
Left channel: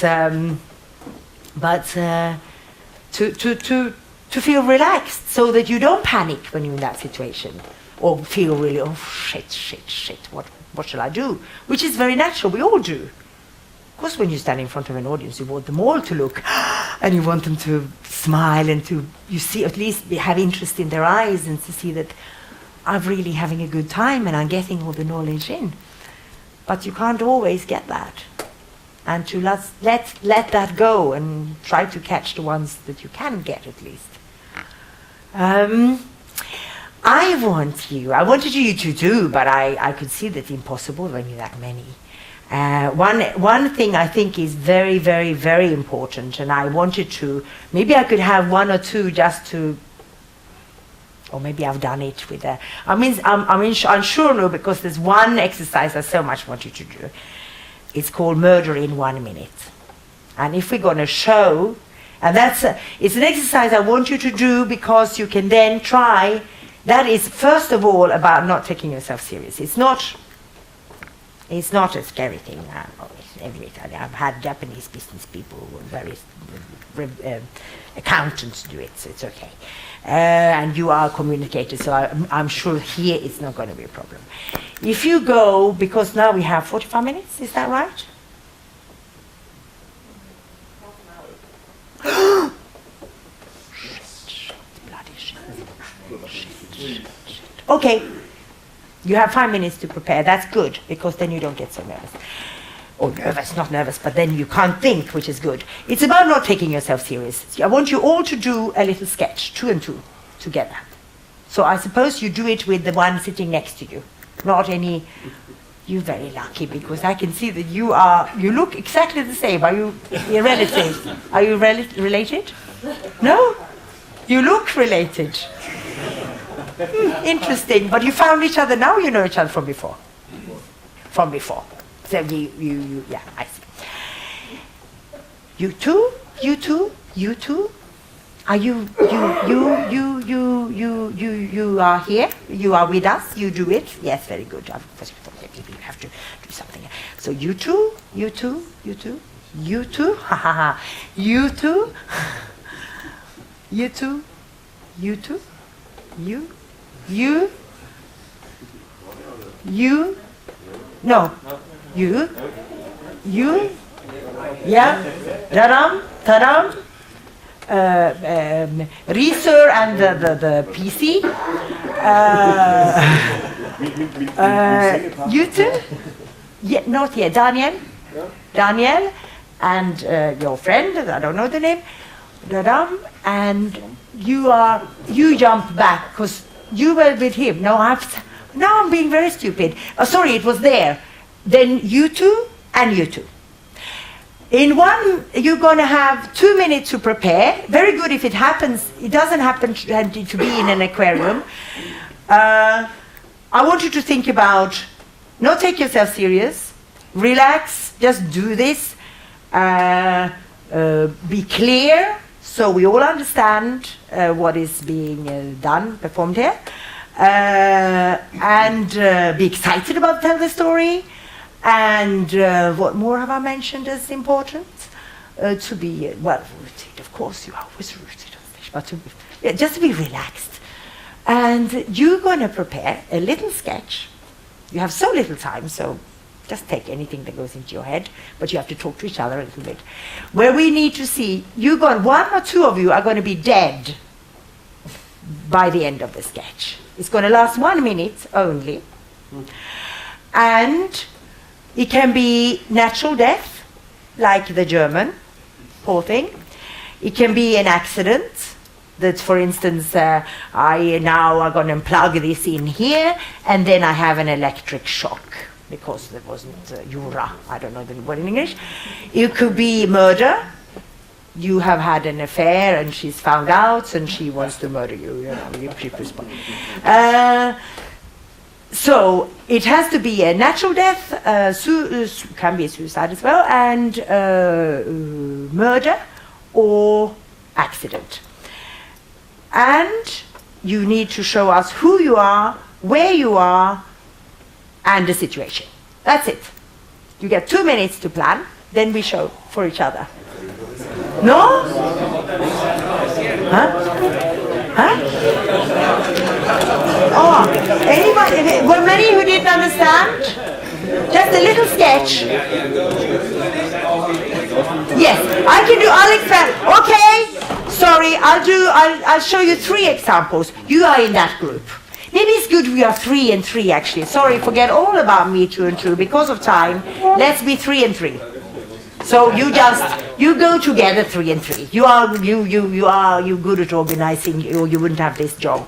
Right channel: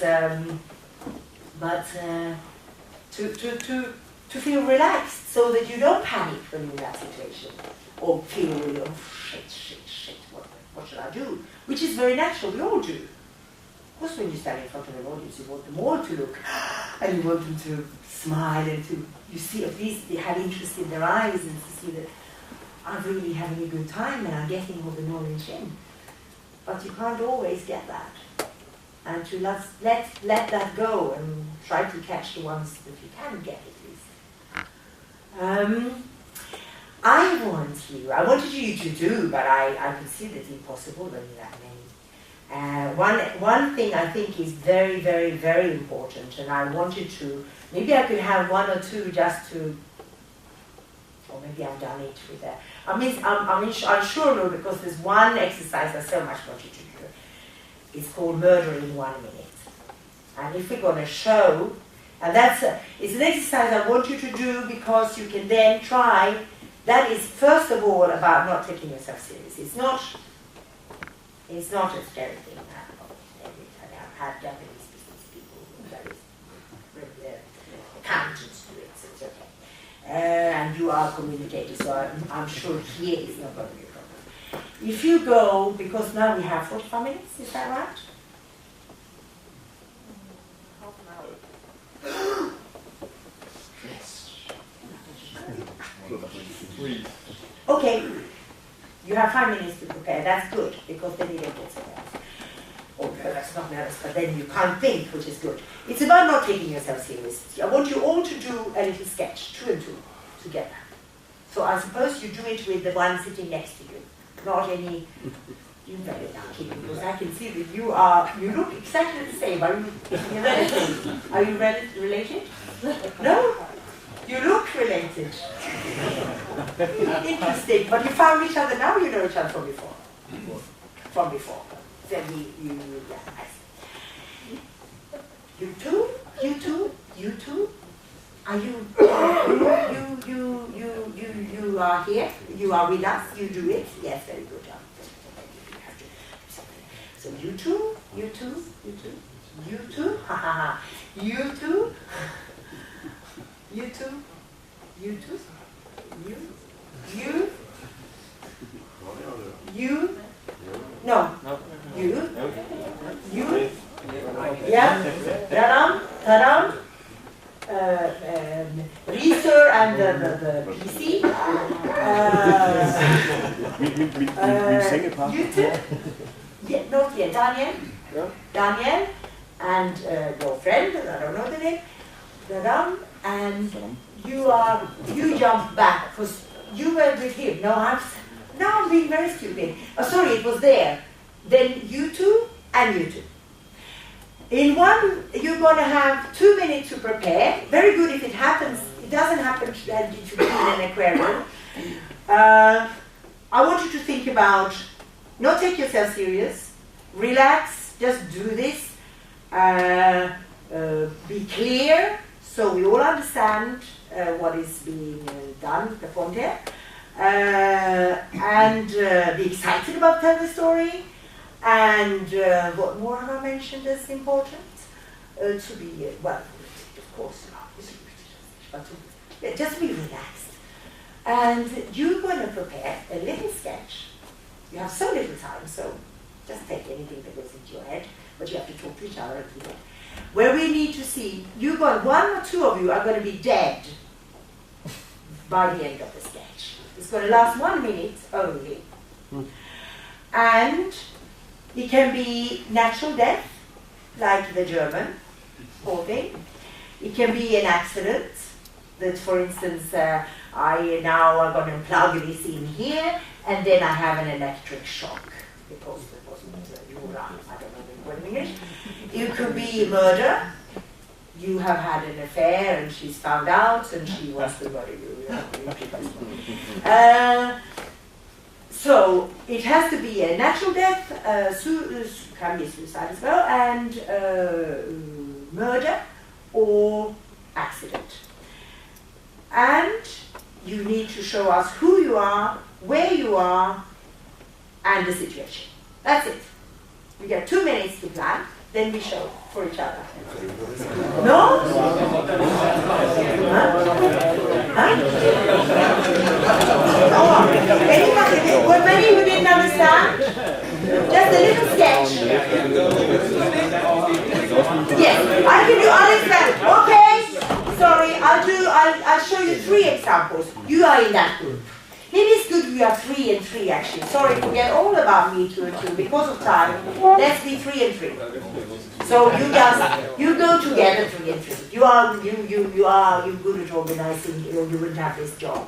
to feel relaxed so that you don't panic when you're in that situation, or feel really, oh shit, what shall I do? Which is very natural, we all do. Of course, when you stand in front of an audience, you want them all to look, and you want them to smile and to, you see, at least they have interest in their eyes and to see that I'm really having a good time and I'm getting all the knowledge in. But you can't always get that. And to let that go and try to catch the ones that you can get at least. I wanted you to do, but I could see that impossible when you're that many. One thing I think is very, very, very important, and I wanted to, maybe I could have one or two just to, or maybe I've done it with a, I'm sure no, because there's one exercise I so much want you to do. It's called Murder in 1 minute. And if we're going to show, and it's an exercise I want you to do because you can then try. That is first of all about not taking yourself serious. It's not a scary thing. I've had Japanese business people and various accountants do it, so it's okay. And you are communicators, so I'm sure here it's not going to be a problem. If you go, because now we have 45 minutes, is that right? Okay, you have 5 minutes to prepare. That's good, because then you don't get so nervous. Or nervous, not nervous, but then you can't think, which is good. It's about not taking yourself serious. I want you all to do a little sketch, 2 and 2, together. So I suppose you do it with the one sitting next to you. Not any, you're very lucky, because I can see that you look exactly the same. Are you relatives? Are you related? No? You look related. Interesting, but you found each other now, you know each other from before? From before. So yeah, I see. You two? Are you are here? You are with us? You do it? Yes, very good. You have to do something. So you two, ha ha ha. You two, no, you, yeah, ta-dam, Reeser and the PC. You two? Yeah, not yet. Daniel and your friend, I don't know the name, and you jump back because you were with him. Now I'm being very stupid. Oh, sorry, it was there. Then you two and you two. In one, you're going to have 2 minutes to prepare. Very good if it happens. It doesn't happen to be in an aquarium. I want you to think about, not take yourself serious, relax, just do this, be clear so we all understand what is being performed here, and be excited about telling the story. And what more have I mentioned as important? To be, well, of course you are always rooted on fish, but just to be relaxed. And you're going to prepare a little sketch. You have so little time, so Just take anything that goes into your head, but you have to talk to each other a little bit. Where we need to see, one or two of you are going to be dead by the end of the sketch. It's going to last 1 minute only. And it can be natural death, like the German, whole thing. It can be an accident, that for instance, I now are going to plug this in here, and then I have an electric shock, because there wasn't Jura, I don't know the word in English. It could be murder. You have had an affair and she's found out and she wants to murder you. So it has to be a natural death, can be suicide as well, and murder or accident. And you need to show us who you are, where you are, and the situation. That's it. You get 2 minutes to plan, then we show for each other. No? Huh? Huh? Oh, anybody? Were many who didn't understand? Just a little sketch. Yes, I can do. I'll expand. Okay. Sorry, I'll show you 3 examples. You are in that group. Maybe it's good we are 3 and 3 actually. Sorry, forget all about me 2 and 2 because of time. Let's be 3 and 3. So you go together 3 and 3. You good at organizing. You wouldn't have this job.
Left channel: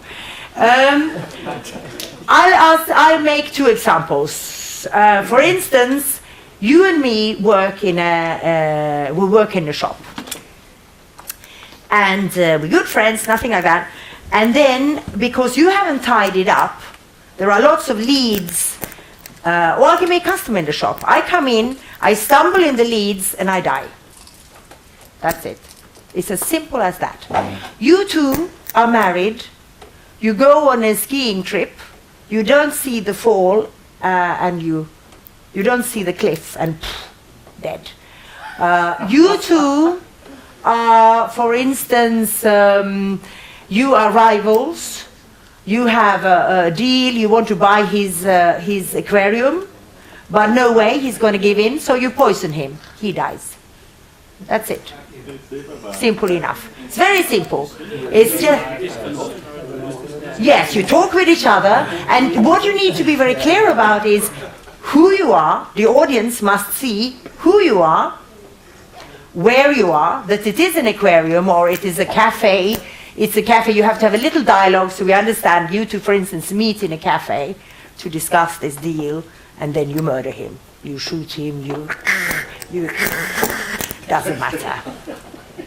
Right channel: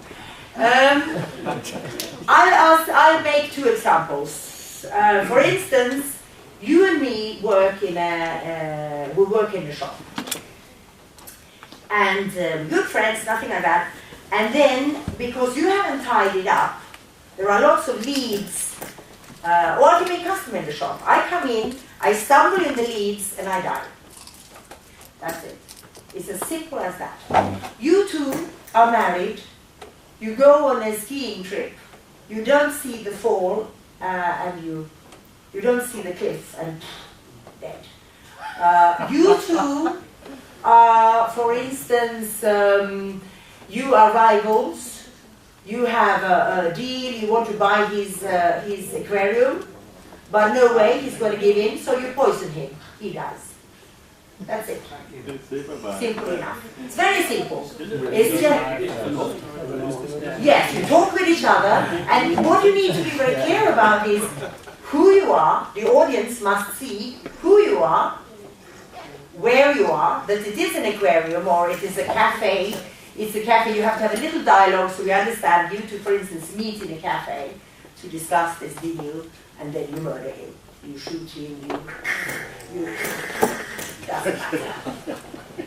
I'll make 2 examples. For instance, you and me work in a shop, and we're good friends, nothing like that. And then, because you haven't tidied up, there are lots of leads. Or I can be a customer in the shop. I come in, I stumble in the leads, and I die. That's it. It's as simple as that. You two are married. You go on a skiing trip. You don't see the fall, and you don't see the cliff, and dead. You two are, for instance, you are rivals. You have a deal. You want to buy his aquarium, but no way he's going to give in. So you poison him. He dies. That's it. Simple enough. It's very simple. It's just, yes, you talk with each other, and what you need to be very clear about is who you are. The audience must see who you are, where you are, that it is an aquarium or it is a cafe. It's a cafe. You have to have a little dialogue so we understand. You two, for instance, meet in a cafe to discuss this deal, and then you murder him. You shoot him. You doesn't matter.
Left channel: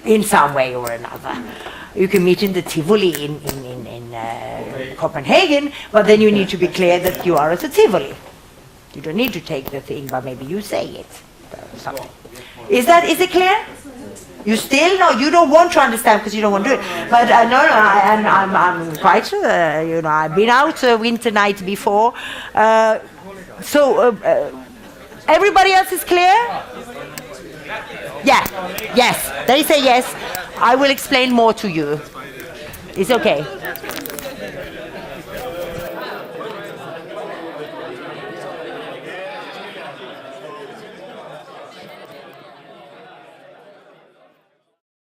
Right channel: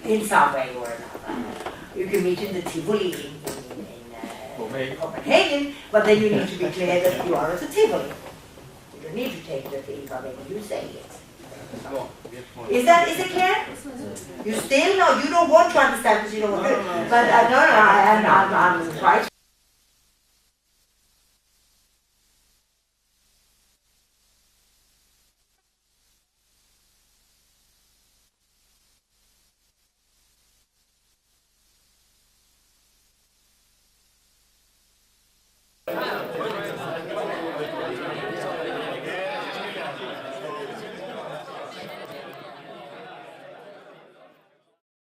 In some way or another. You can meet in the Tivoli in Copenhagen, but then you need to be clear that you are at the Tivoli. You don't need to take the thing, but maybe you say it. Is it clear? You still know, you don't want to understand because you don't want to do it. But I'm quite sure, I've been out a winter night before. Everybody else is clear? Yeah, yes, they say yes. I will explain more to you. It's okay.